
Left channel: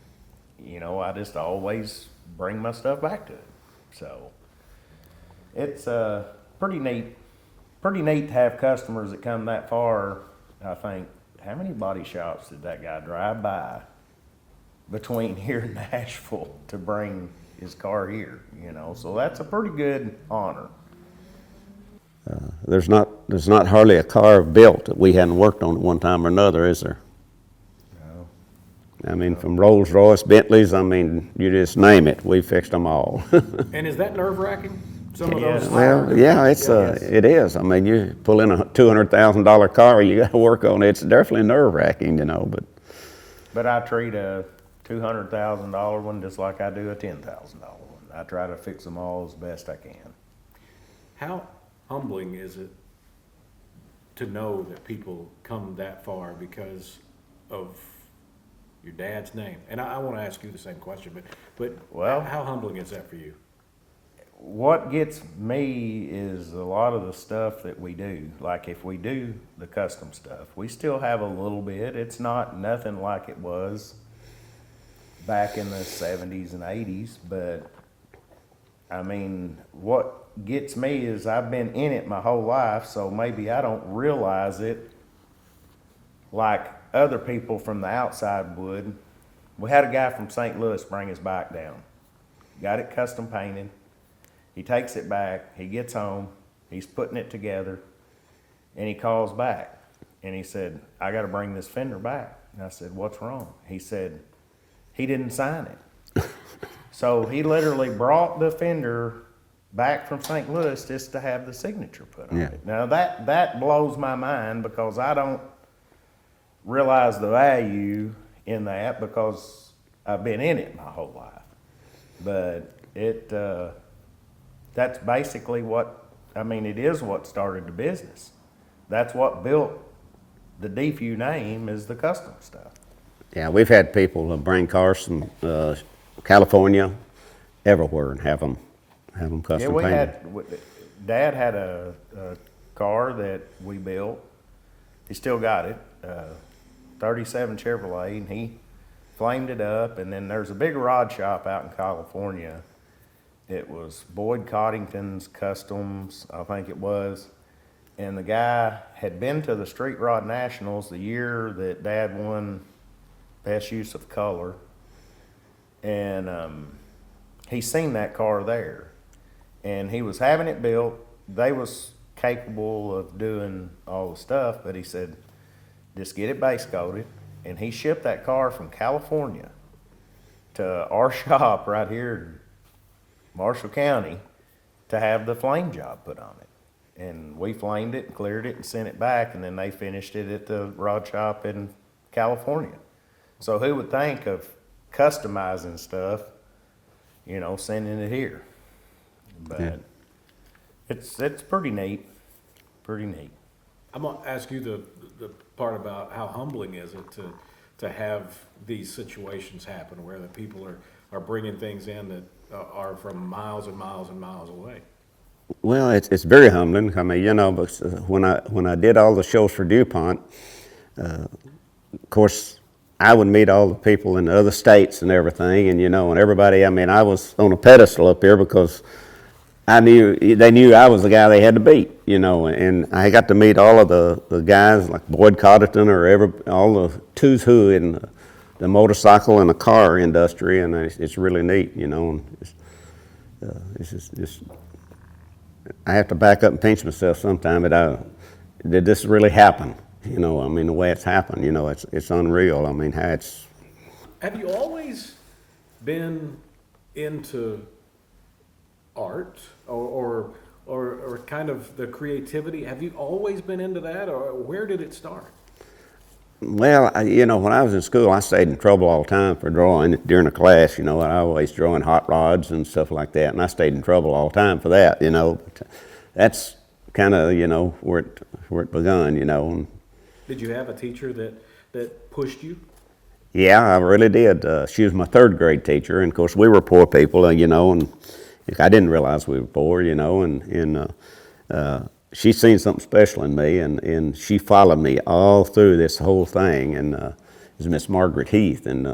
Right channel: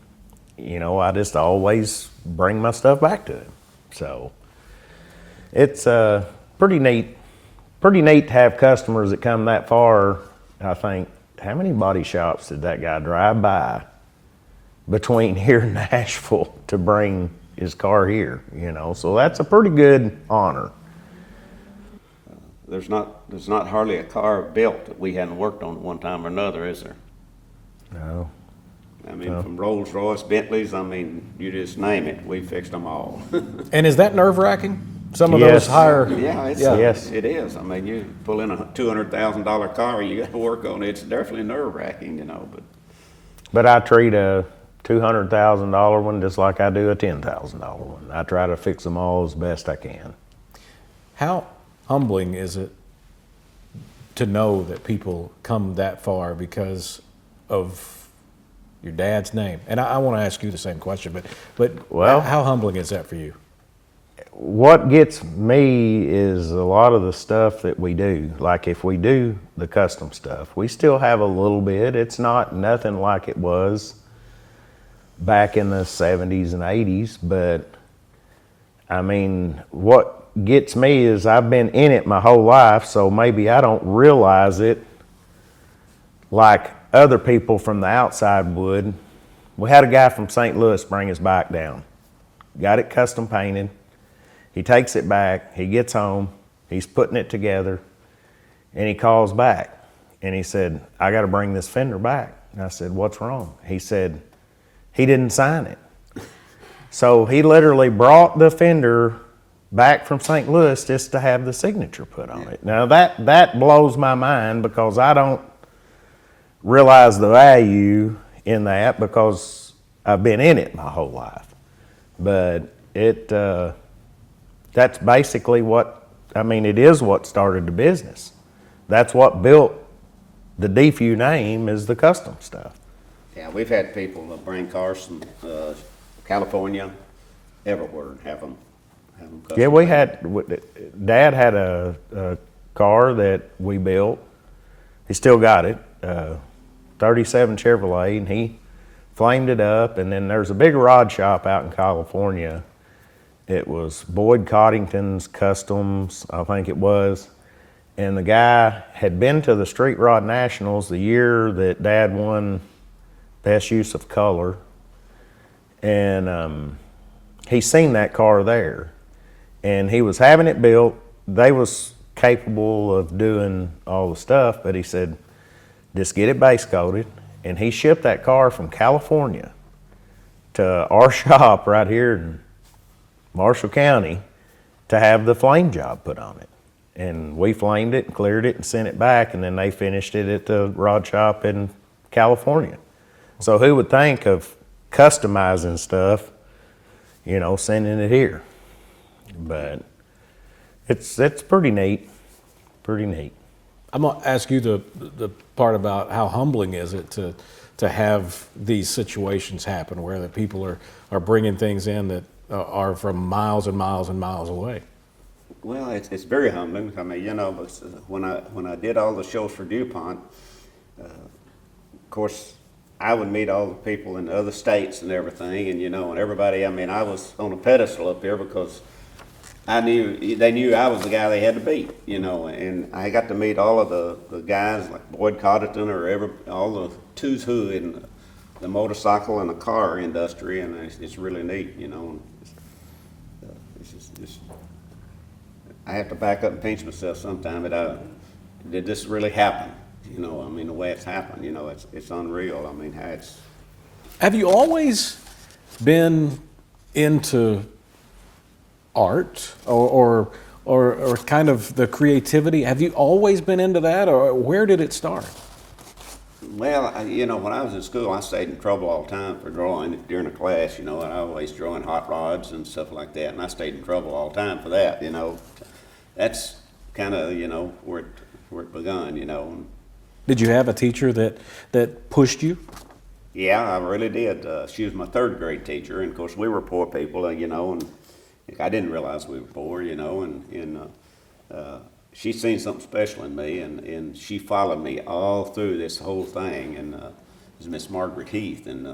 you know, I just always bring my stuff back to him. So it's pretty neat to have customers that come that far. I think, how many body shops did that guy drive by between here and Nashville to bring his car here, you know? So that's a pretty good honor. There's not hardly a car built that we hadn't worked on at one time or another, is there? No. I mean, from Rolls-Royce, Bentleys, I mean, you just name it, we fixed them all. And is that nerve-wracking? Some of Yes. those higher. Yeah, it's Yes. it is. I mean, you pull in a $200,000 car, you got to work on it. It's definitely nerve-wracking, you know. But I treat a $200,000 one just like I do a $10,000 one. I try to fix them all as best I can. How humbling is it to know that people come that far because of your dad's name? And I want to ask you the same question, but Well- how humbling is that for you? What gets me is a lot of the stuff that we do. Like if we do the custom stuff, we still have a little bit. It's not nothing like it was back in the 70s and 80s, but I mean, what gets me is I've been in it my whole life, so maybe I don't realize it like other people from the outside would. We had a guy from St. Louis bring his bike down, got it custom painted. He takes it back, he gets home, he's putting it together, and he calls back. And he said, I got to bring this fender back. And I said, what's wrong? He said, he didn't sign it. So he literally brought the fender back from St. Louis just to have the signature put on it. Now that blows my mind because I don't realize the value in that because I've been in it my whole life. But that's basically it is what started the business. That's what built the Defews name is the custom stuff. Yeah, we've had people bring cars from California, everywhere, and have them custom Yeah, we painted. Dad had a car that we built. He still got it, 37 Chevrolet, and he flamed it up. And then there's a big rod shop out in California. It was Boyd Coddington's Customs, I think it was. And the guy had been to the Street Rod Nationals the year that Dad won Best Use of Color. And he seen that car there. And he was having it built. They was capable of doing all the stuff, but he said, just get it base coated. And he shipped that car from California to our shop right here in Marshall County to have the flame job put on it. And we flamed it and cleared it and sent it back, and then they finished it at the rod shop in California. So who would think of customizing stuff, sending it here? But it's pretty neat, pretty neat. I'm gonna ask you the part about how humbling is it to have these situations happen where the people are bringing things in that are from miles and miles and miles away. Well, it's very humbling. I mean, but when I did all the shows for DuPont, of course, I would meet all the people in the other states and everything, and and everybody. I mean, I was on a pedestal up there because they knew I was the guy they had to beat, and I got to meet all of the guys like Boyd Coddington or all the who's who in the motorcycle and the car industry, and it's really neat, and it's just I have to back up and pinch myself sometime, but did this really happen? The way it's happened, it's unreal. I mean, how it's. Have you always been into art or kind of the creativity? Have you always been into that, or where did it start? Well, when I was in school, I stayed in trouble all the time for drawing during the class. I always drawing hot rods and stuff like that, and I stayed in trouble all the time for that. That's kind of where it begun. Did you have a teacher that pushed you? Yeah, I really did. She was my third grade teacher, and of course we were poor people, and I didn't realize we were poor, and she seen something special in me, and she followed me all through this whole thing, and it was Miss Margaret Heath, and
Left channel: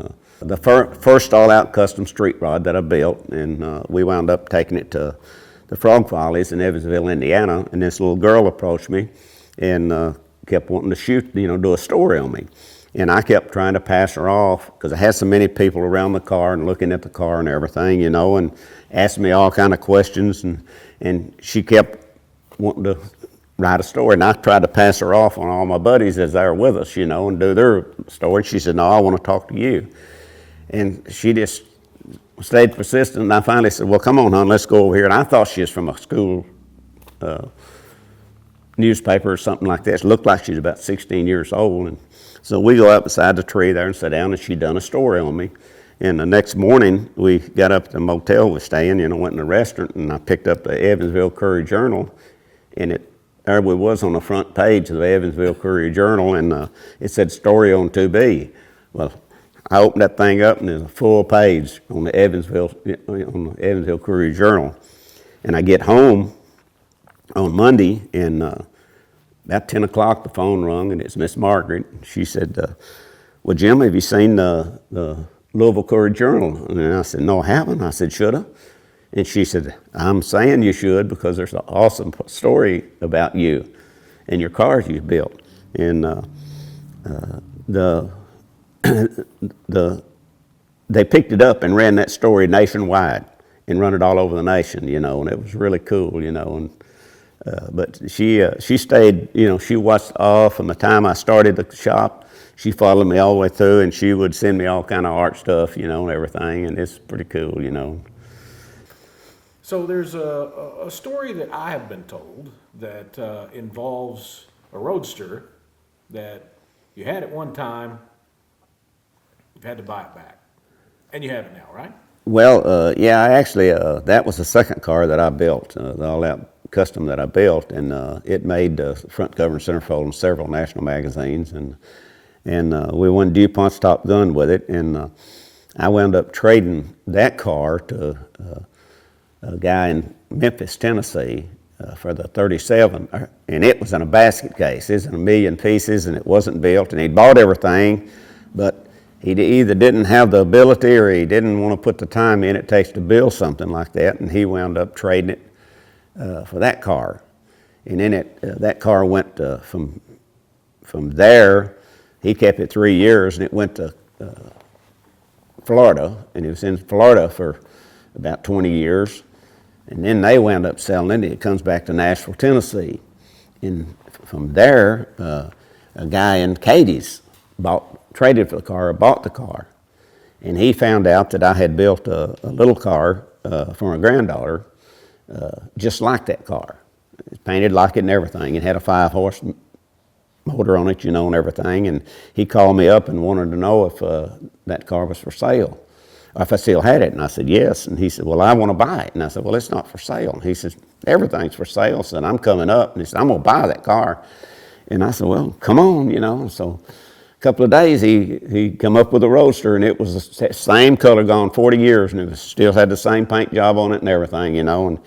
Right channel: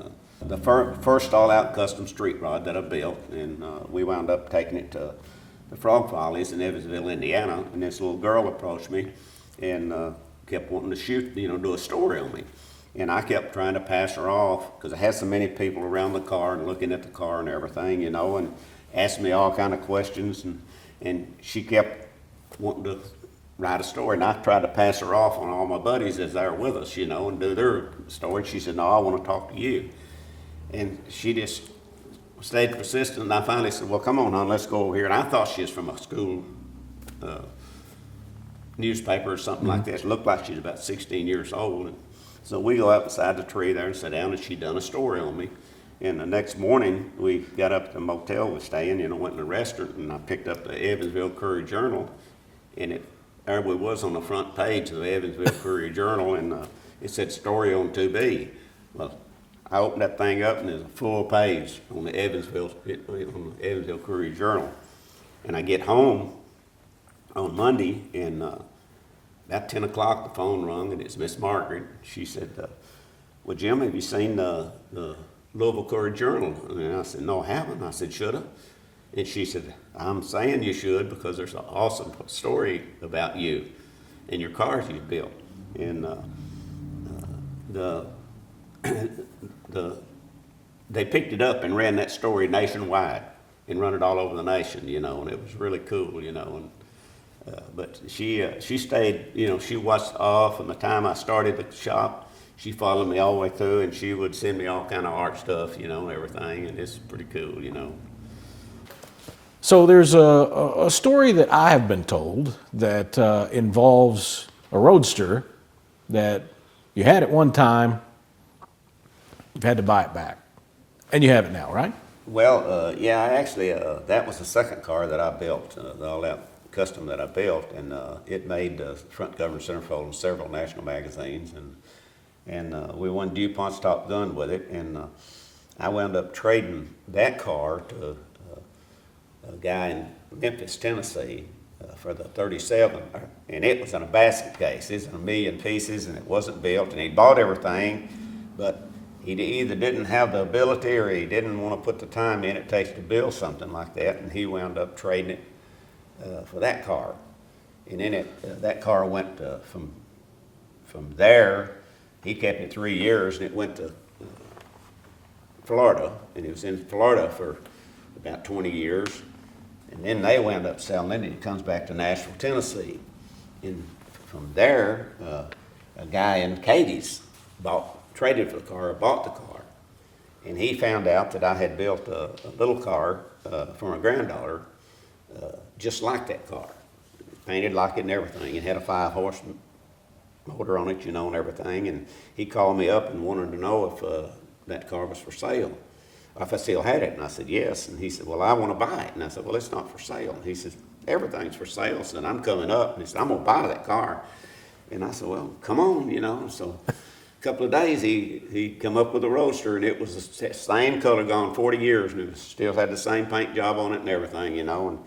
the first all-out custom street rod that I built, and we wound up taking it to the Frog Follies in Evansville, Indiana, and this little girl approached me and kept wanting to shoot, do a story on me. And I kept trying to pass her off because I had so many people around the car and looking at the car and everything, and asking me all kind of questions, and she kept wanting to write a story, and I tried to pass her off on all my buddies as they were with us, and do their story. She said, no, I want to talk to you. And she just stayed persistent, and I finally said, well, come on, hon, let's go over here. And I thought she was from a school newspaper or something like that. She looked like she was about 16 years old. And so we go up beside the tree there and sit down, and she'd done a story on me. And the next morning, we got up at the motel we were staying, went in the restaurant, and I picked up the Evansville Courier-Journal, and there we was on the front page of the Evansville Courier-Journal, and it said story on 2B. Well, I opened that thing up, and there's a full page on the Evansville Courier-Journal. And I get home on Monday, and about 10 o'clock the phone rung, and it's Miss Margaret. She said, well, Jim, have you seen the Louisville Courier-Journal? And I said, no, I haven't. I said, should I? And she said, I'm saying you should, because there's an awesome story about you and your cars you've built. And they picked it up and ran that story nationwide and run it all over the nation, and it was really cool, and but she stayed, she watched all from the time I started the shop. She followed me all the way through, and she would send me all kind of art stuff, and everything, and it's pretty cool, So there's a story that I have been told that involves a Roadster that you had at one time, you've had to buy it back, and you have it now, right? Well, yeah, I actually, that was the second car that I built, the all-out custom that I built, and it made front cover and centerfold in several national magazines, and we won DuPont's Top Gun with it, and I wound up trading that car to a guy in Memphis, Tennessee, for the 37, and it was in a basket case. It was in 1,000,000 pieces, and it wasn't built, and he bought everything, but he either didn't have the ability or he didn't want to put the time in it takes to build something like that, and he wound up trading it for that car. And then that car went from there, he kept it 3 years, and it went to Florida, and he was in Florida for about 20 years. And then they wound up selling it. It comes back to Nashville, Tennessee. And from there, a guy in Cadiz traded for the car, or bought the car. And he found out that I had built a little car for my granddaughter, just like that car. It was painted like it and everything. It had a 5-horse motor on it, and everything. And he called me up and wanted to know if that car was for sale, or if I still had it. And I said, yes. And he said, well, I want to buy it. And I said, well, it's not for sale. And he says, everything's for sale. So I'm coming up. And he said, I'm going to buy that car. And I said, well, come on, And so a couple of days, he come up with a Roadster, and it was the same color, gone 40 years, and it still had the same paint job on it and everything, And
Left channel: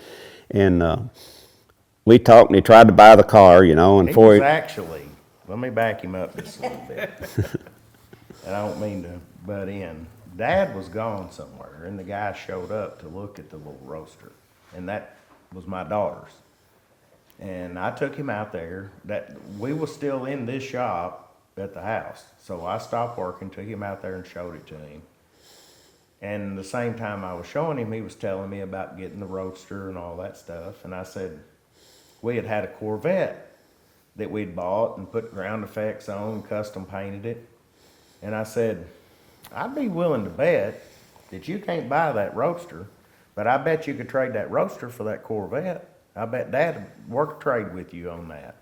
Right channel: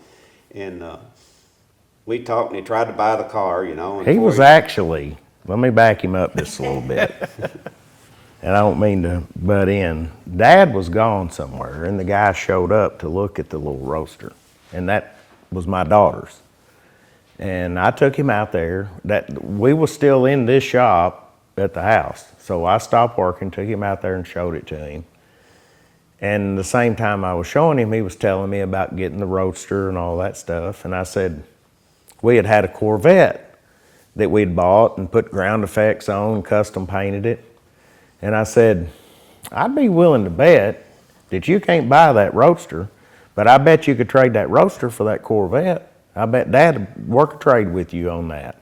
we talked, and he tried to buy the car, And He was actually, let me back him up just a little bit. And I don't mean to butt in. Dad was gone somewhere, and the guy showed up to look at the little Roadster, and that was my daughter's. And I took him out there. We were still in this shop at the house, so I stopped working, took him out there and showed it to him. And the same time I was showing him, he was telling me about getting the Roadster and all that stuff. And I said, we had a Corvette that we'd bought and put ground effects on and custom painted it. And I said, I'd be willing to bet that you can't buy that Roadster, but I bet you could trade that Roadster for that Corvette. I bet Dad would work a trade with you on that.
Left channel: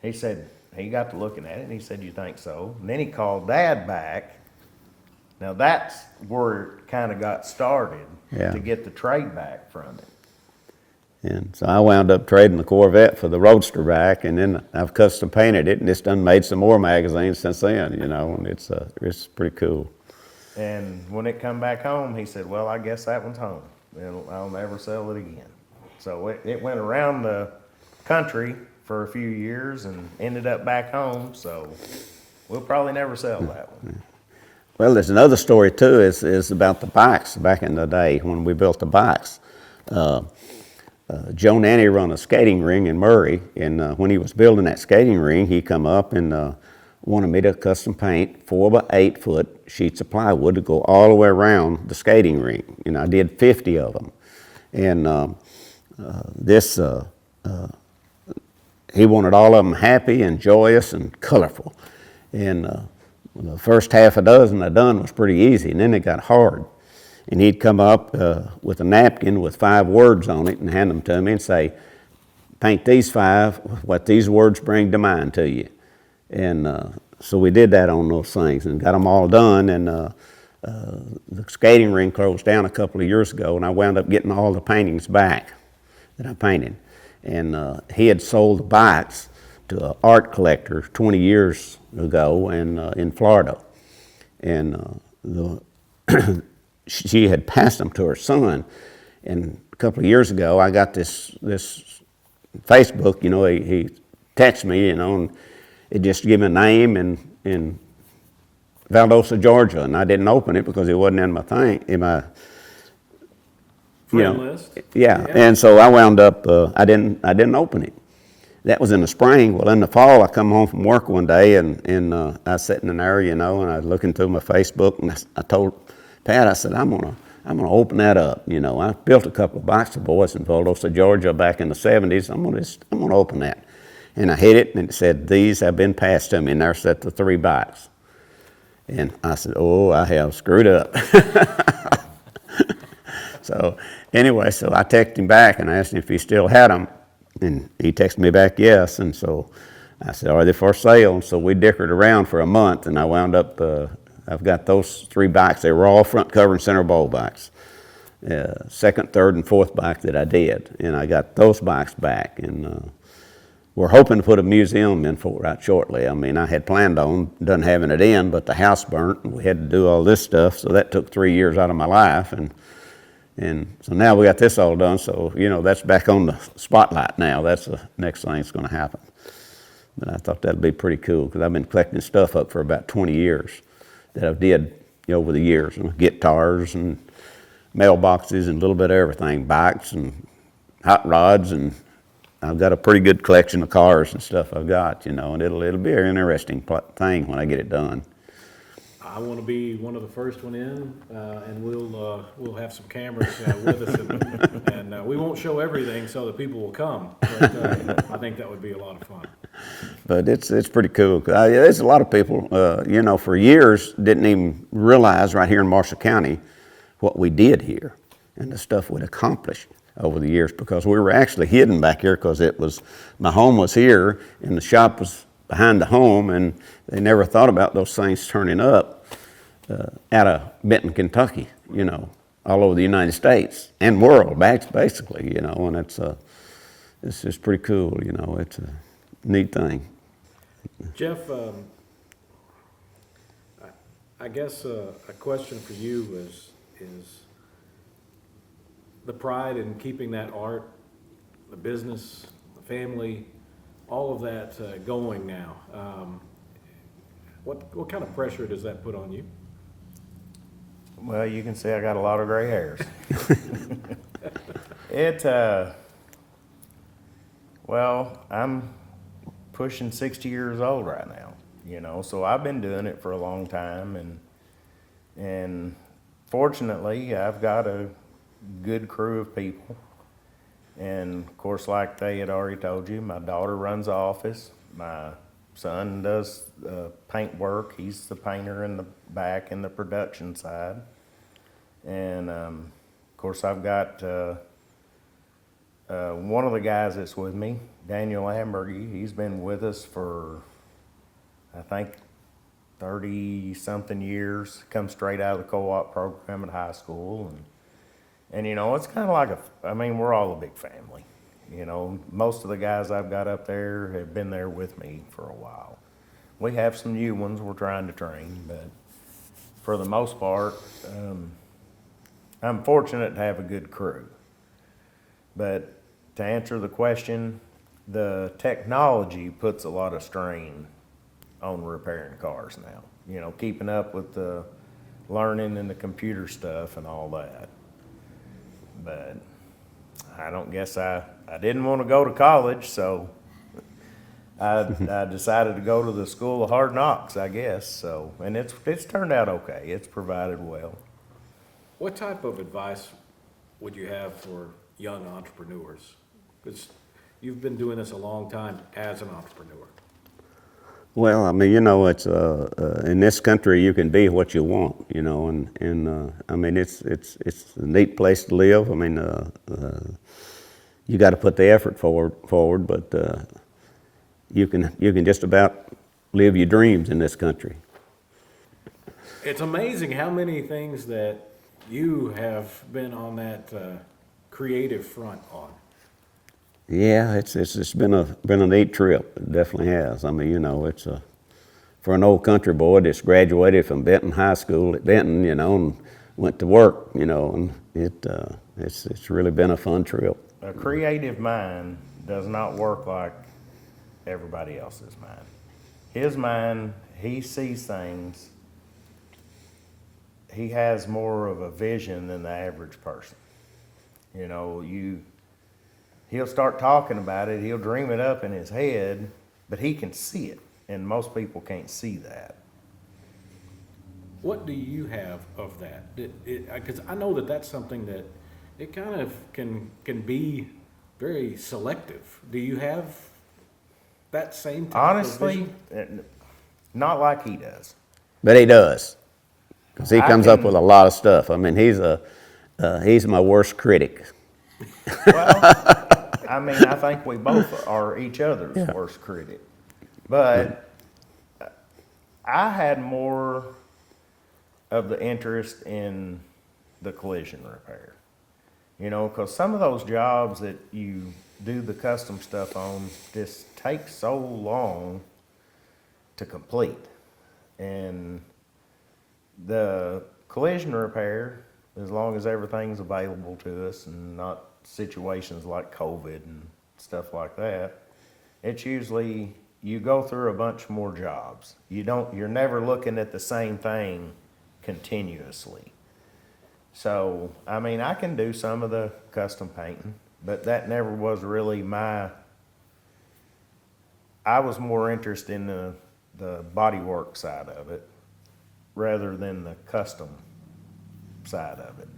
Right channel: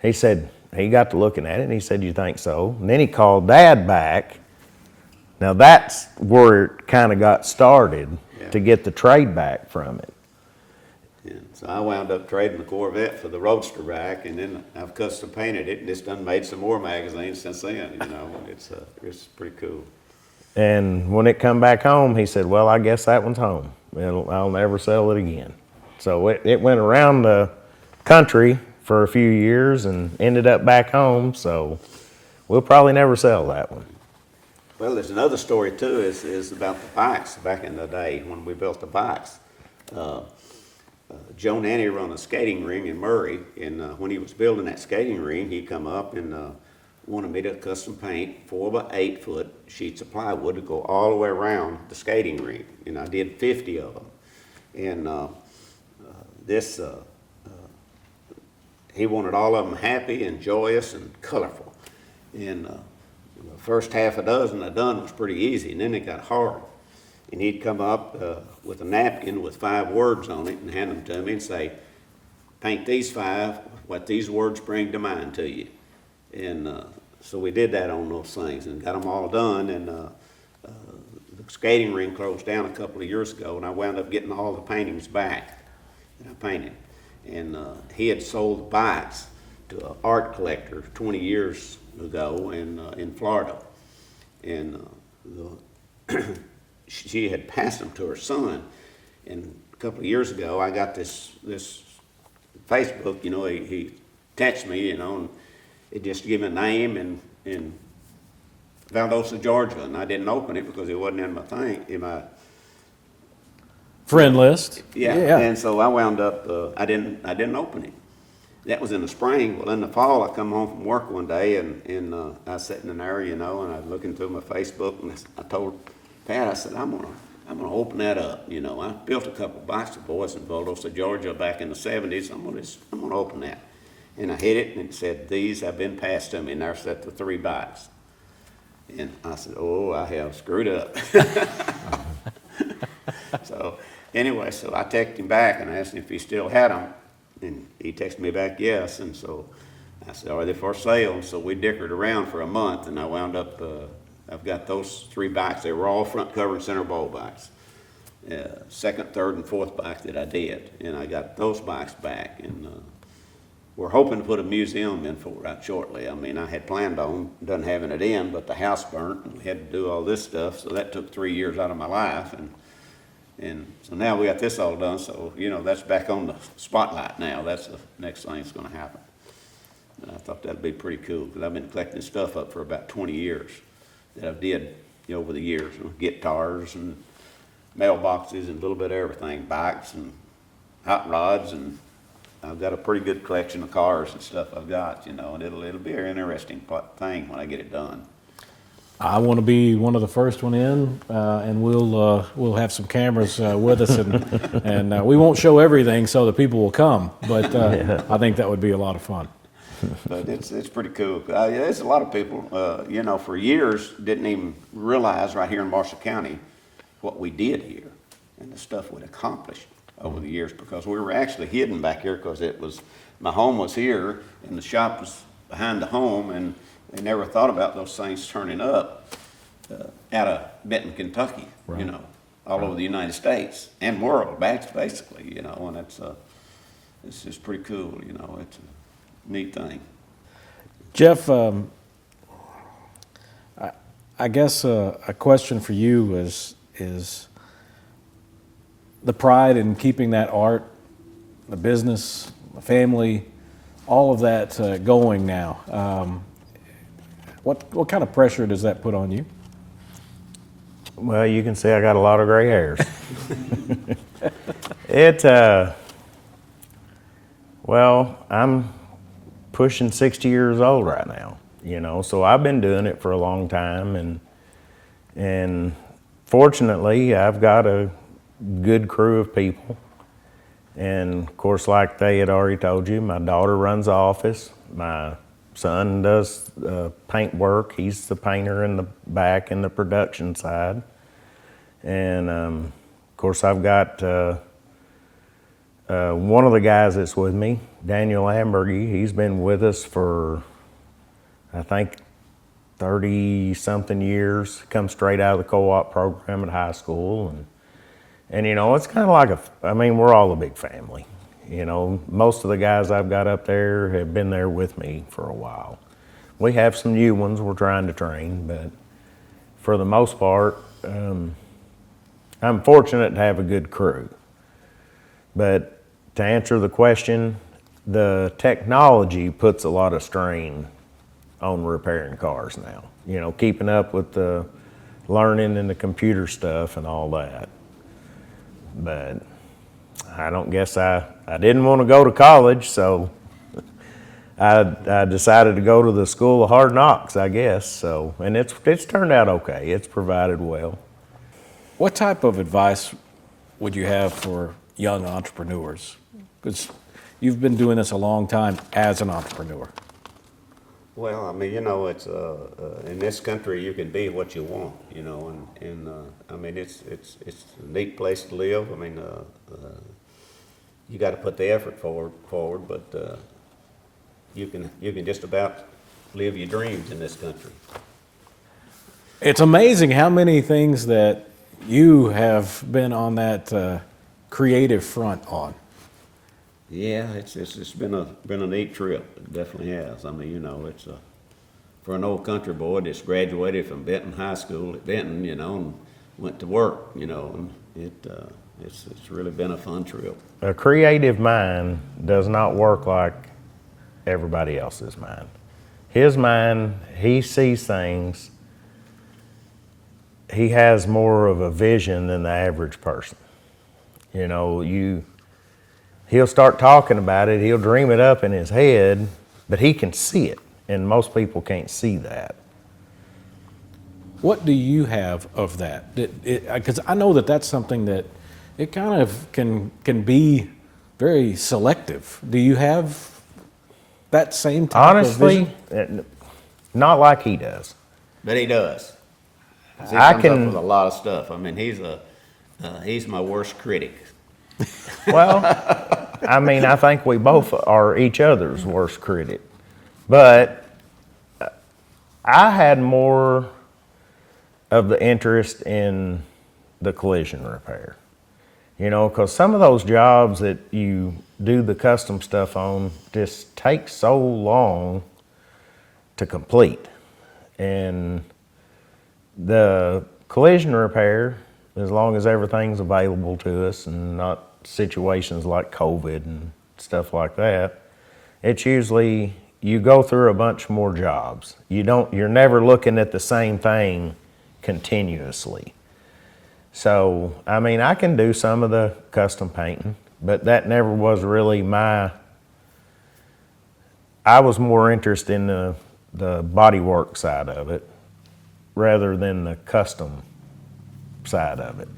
He said, he got to looking at it, and he said, you think so? And then he called Dad back. Now that's where it kind of got started, to get the trade back from it. And so I wound up trading the Corvette for the Roadster back, and then I've custom painted it, and it's done made some more magazines since then, and it's pretty cool. And when it come back home, he said, well, I guess that one's home. I'll never sell it again. So it went around the country for a few years and ended up back home, so we'll probably never sell that one. Well, there's another story too, is about the bikes back in the day when we built the bikes. Joe Nanny run a skating ring in Murray, and when he was building that skating ring, he come up and wanted me to custom paint 4 by 8 foot sheets of plywood to go all the way around the skating ring. And I did 50 of them. And he wanted all of them happy and joyous and colorful. And the first half a dozen I done was pretty easy, and then it got hard. and he'd come up with a napkin with 5 words on it and hand them to me and say, paint these 5, what these words bring to mind to you. And so we did that on those things and got them all done. And the skating rink closed down a couple of years ago, and I wound up getting all the paintings back that I painted. And he had sold the bikes to an art collector 20 years ago in Florida. And she had passed them to her son. And a couple of years ago, I got this Facebook, you know, he texted me, you know, and it just gave me a name in Valdosta, Georgia, and I didn't open it because it wasn't in my Friend list. Yeah. And so I wound up, I didn't open it. That was in the spring. Well, in the fall, I come home from work one day, and I was sitting in there, you know, and I was looking through my Facebook, and I told Pat, I said, I'm gonna open that up. You know, I built a couple of bikes for boys in Valdosta, Georgia, back in the '70s. I'm gonna open that, and I hit it, and it said, "These have been passed to me." And there sat the 3 bikes, and I said, "Oh, I have screwed up." So anyway, so I texted him back and I asked him if he still had them, and he texted me back yes. And so I said, "Are they for sale?" And so we dickered around for a month, and I wound up. I've got those 3 bikes. They were all front cover and center bowl bikes. Second, third, and fourth bike that I did, and I got those bikes back, and we're hoping to put a museum in for it shortly. I mean, I had planned on done having it in, but the house burnt, and we had to do all this stuff, so that took 3 years out of my life, and so now we got this all done. So you know, that's back on the spotlight now. That's the next thing that's going to happen. But I thought that'd be pretty cool because I've been collecting stuff up for about 20 years. That I've did, you know, over the years, you know, guitars and mailboxes and a little bit of everything, bikes and hot rods, and I've got a pretty good collection of cars and stuff I've got, you know, and it'll be an interesting thing when I get it done. I want to be one of the first one in, and we'll have some cameras with us, and we won't show everything so that people will come, but I think that would be a lot of fun. But it's pretty cool. There's a lot of people, you know, for years didn't even realize right here in Marshall County what we did here and the stuff we'd accomplished over the years, because we were actually hidden back here because my home was here and the shop was behind the home, and they never thought about those things turning up out of Benton, Kentucky, right. You know, all over the United States and world, basically, you know, and it's just pretty cool, you know, it's a neat thing. Jeff, I guess a question for you is the pride in keeping that art, the business, the family, all of that going now. What kind of pressure does that put on you? Well, you can see I got a lot of gray hairs. Well, I'm pushing 60 years old right now, you know, so I've been doing it for a long time, and fortunately I've got a good crew of people, and of course, like they had already told you, my daughter runs the office, my son does paint work, he's the painter in the back in the production side, and of course I've got one of the guys that's with me, Daniel Ambergy, he's been with us for, I think, 30-something years, come straight out of the co-op program at high school. And you know, it's kind of like we're all a big family. You know, most of the guys I've got up there have been there with me for a while. We have some new ones we're trying to train, but for the most part, I'm fortunate to have a good crew. But to answer the question, the technology puts a lot of strain on repairing cars now. You know, keeping up with the learning and the computer stuff and all that. But I don't guess I didn't want to go to college, so I decided to go to the School of Hard Knocks, I guess. So, and it's turned out okay. It's provided well. What type of advice would you have for young entrepreneurs? Because you've been doing this a long time as an entrepreneur. Well, I mean, you know, it's in this country you can be what you want, you know, and I mean it's a neat place to live. I mean, you got to put the effort forward, but you can just about live your dreams in this country. It's amazing how many things that you have been on that creative front on. Yeah, it's been a neat trip. It definitely has. I mean, you know, it's for an old country boy that's graduated from Benton High School at Benton, you know, and went to work, you know, and it's really been a fun trip. A creative mind does not work like everybody else's mind. His mind, he sees things, he has more of a vision than the average person. You know, he'll start talking about it, he'll dream it up in his head, but he can see it, and most people can't see that. What do you have of that? Because I know that that's something that it kind of can be very selective. Do you have that same type of Honestly, vision? not like he does. But he does. 'Cause he I comes up can- with a lot of stuff. I mean, he's my worst critic. Well, I mean, I think we both are each other's worst critic. But I had more of the interest in the collision repair. You know, because some of those jobs that you do the custom stuff on just take so long to complete. And the collision repair, as long as everything's available to us and not situations like COVID and stuff like that, it's usually you go through a bunch more jobs. You're never looking at the same thing continuously. So, I mean, I can do some of the custom painting, but that never was really I was more interested in the bodywork side of it rather than the custom side of it.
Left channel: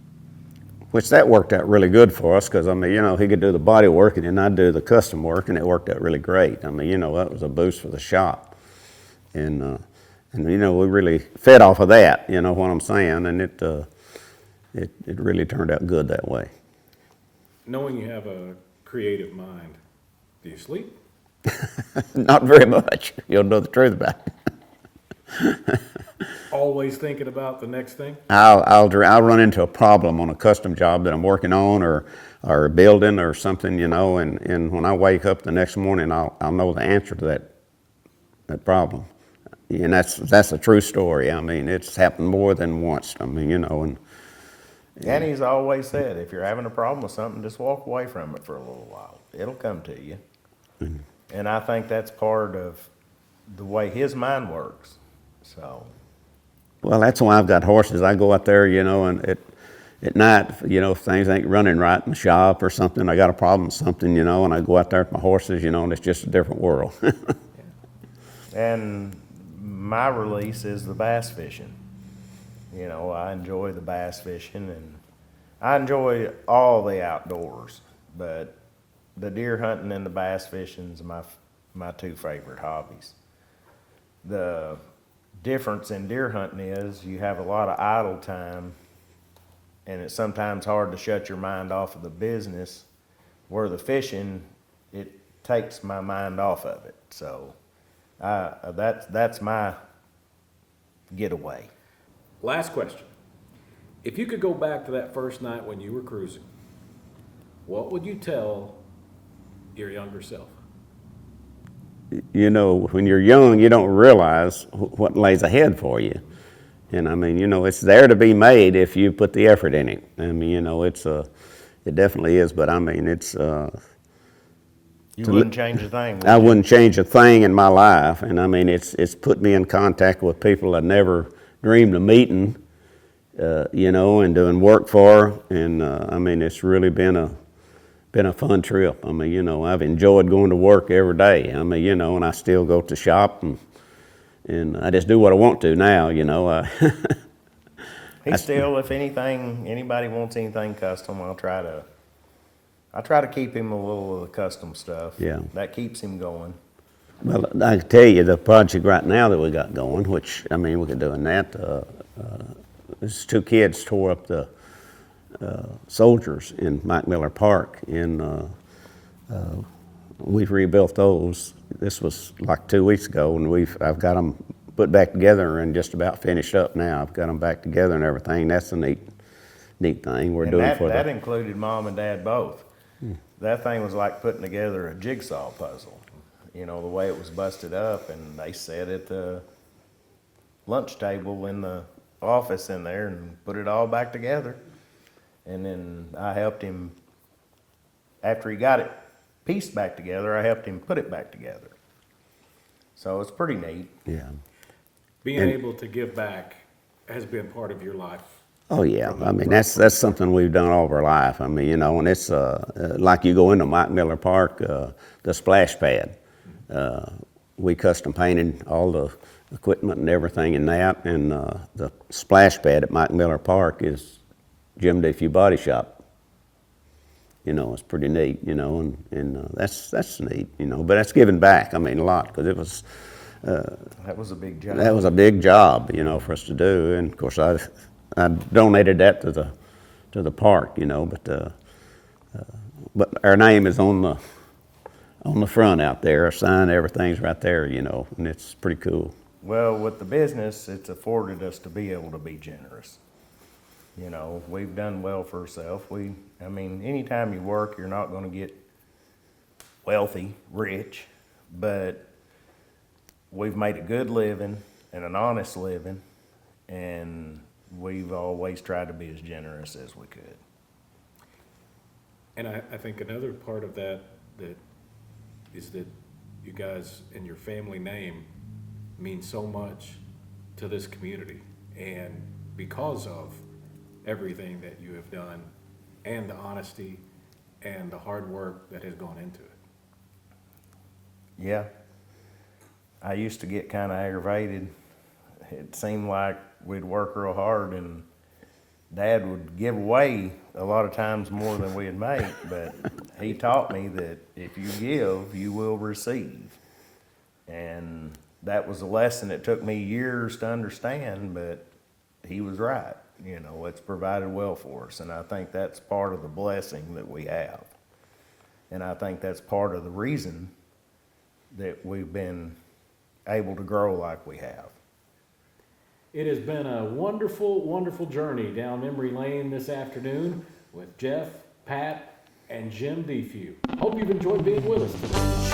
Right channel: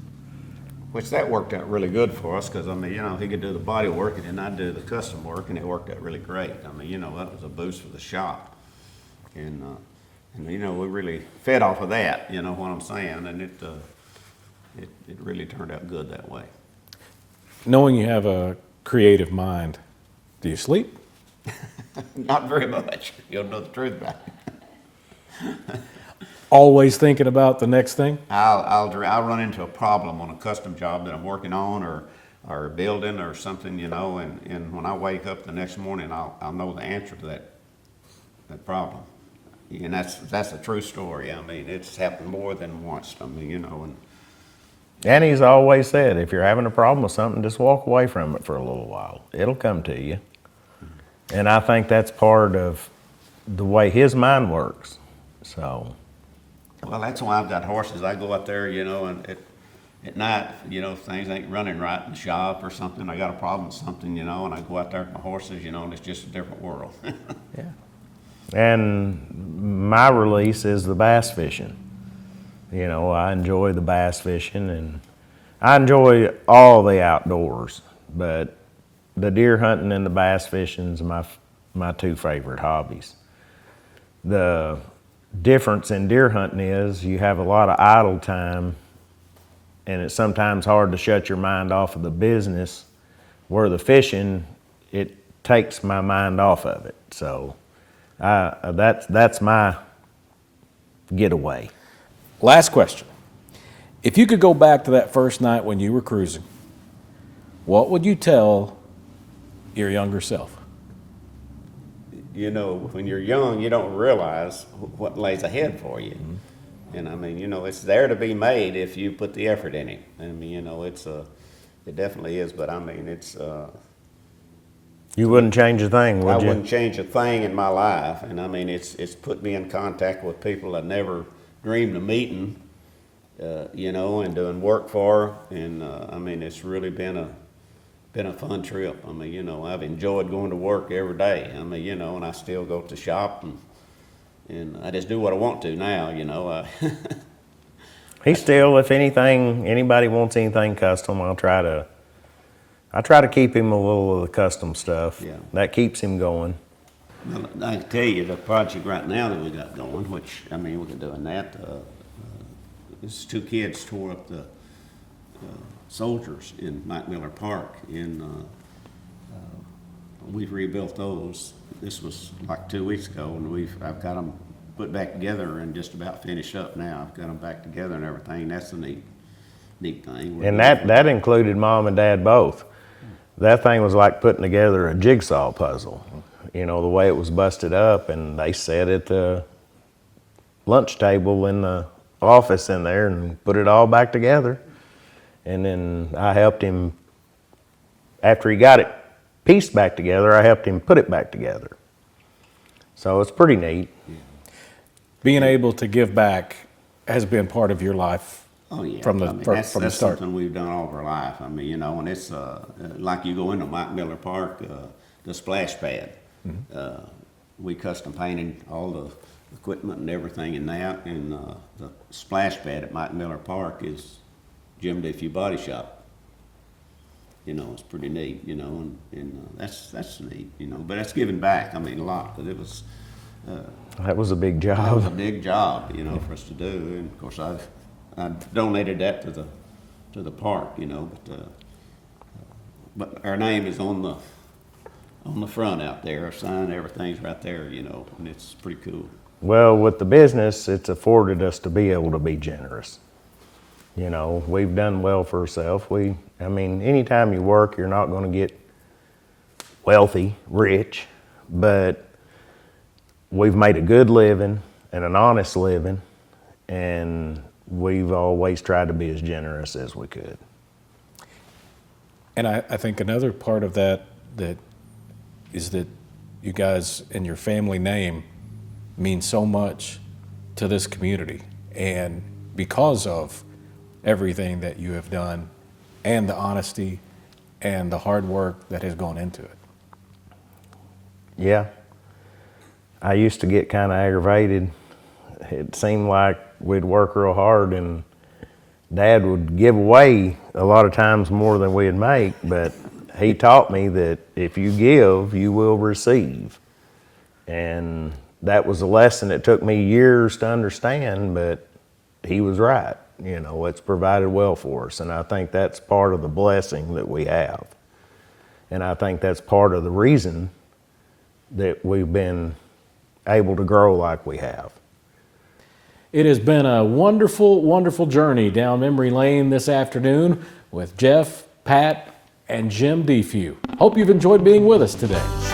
Which that worked out really good for us because, I mean, you know, he could do the body work and then I'd do the custom work, and it worked out really great. I mean, you know, that was a boost for the shop. And you know, we really fed off of that, you know what I'm saying? And it really turned out good that way. Knowing you have a creative mind, do you sleep? Not very much. You'll know the truth about it. Always thinking about the next thing? I'll run into a problem on a custom job that I'm working on or building or something, you know, and when I wake up the next morning, I'll know the answer to that problem. And that's a true story. I mean, it's happened more than once. I mean, you know, And he's always said, if you're having a problem with something, just walk away from it for a little while. It'll come to you. Mm-hmm. And I think that's part of the way his mind works. So, well, that's why I've got horses. I go out there, you know, and at night, you know, if things ain't running right in the shop or something, I got a problem with something, you know, and I go out there with my horses, you know, and it's just a different world. Yeah. and my release is the bass fishing. You know, I enjoy the bass fishing and I enjoy all the outdoors, but the deer hunting and the bass fishing is my two favorite hobbies. The difference in deer hunting is you have a lot of idle time and it's sometimes hard to shut your mind off of the business, where the fishing, it takes my mind off of it. So that's my getaway. Last question. If you could go back to that first night when you were cruising, what would you tell your younger self? You know, when you're young, you don't realize what lays ahead for you. And I mean, you know, it's there to be made if you put the effort in it. I mean, you know, it definitely is, but I mean, You wouldn't change a thing, would I you? wouldn't change a thing in my life. And I mean, it's put me in contact with people I never dreamed of meeting, you know, and doing work for. And I mean, it's really been a fun trip. I mean, you know, I've enjoyed going to work every day. I mean, you know, and I still go to shop and I just do what I want to now, you know. He still, if anything, anybody wants anything custom, I try to keep him a little of the custom stuff. Yeah. That keeps him going. Well, I can tell you the project right now that we got going, which, I mean, we could do in that. These two kids tore up the soldiers in Mike Miller Park, and we've rebuilt those. This was like 2 weeks ago, and I've got them put back together and just about finished up now. I've got them back together and everything. That's a neat thing. And that included Mom and Dad both. That thing was like putting together a jigsaw puzzle. You know, the way it was busted up, and they sat at the lunch table in the office in there and put it all back together. And then I helped him, after he got it pieced back together, I helped him put it back together. So it's pretty neat. Yeah. Being able to give back has been part of your life. Oh yeah, From the- I mean from- that's from the start. something we've done all of our life. I mean, you know, and it's like you go into Mike Miller Park, the splash pad. We custom painted all the equipment and everything in that, and the splash pad at Mike Miller Park is Jim Defews Body Shop. You know, it's pretty neat. You know, and that's neat. You know, but that's giving back. I mean, a lot, because it was. That was a big job. That was a big job, you know, for us to do, and of course I donated that to the park, you know, but our name is on the front out there, a sign, everything's right there, you know, and it's pretty cool. Well, with the business, it's afforded us to be able to be generous. You know, we've done well for ourselves. I mean, anytime you work, you're not going to get wealthy, rich, but we've made a good living and an honest living, and we've always tried to be as generous as we could. And I think another part of that is that you guys and your family name mean so much to this community, and because of everything that you have done and the honesty and the hard work that has gone into it. Yeah. I used to get kind of aggravated. It seemed like we'd work real hard, and Dad would give away a lot of times more than we'd make, but he taught me that if you give, you will receive. And that was a lesson that took me years to understand, but he was right. You know, it's provided well for us, and I think that's part of the blessing that we have. And I think that's part of the reason that we've been able to grow like we have. It has been a wonderful, wonderful journey down memory lane this afternoon with Jeff, Pat, and Jim Defews. Hope you've enjoyed being with us today.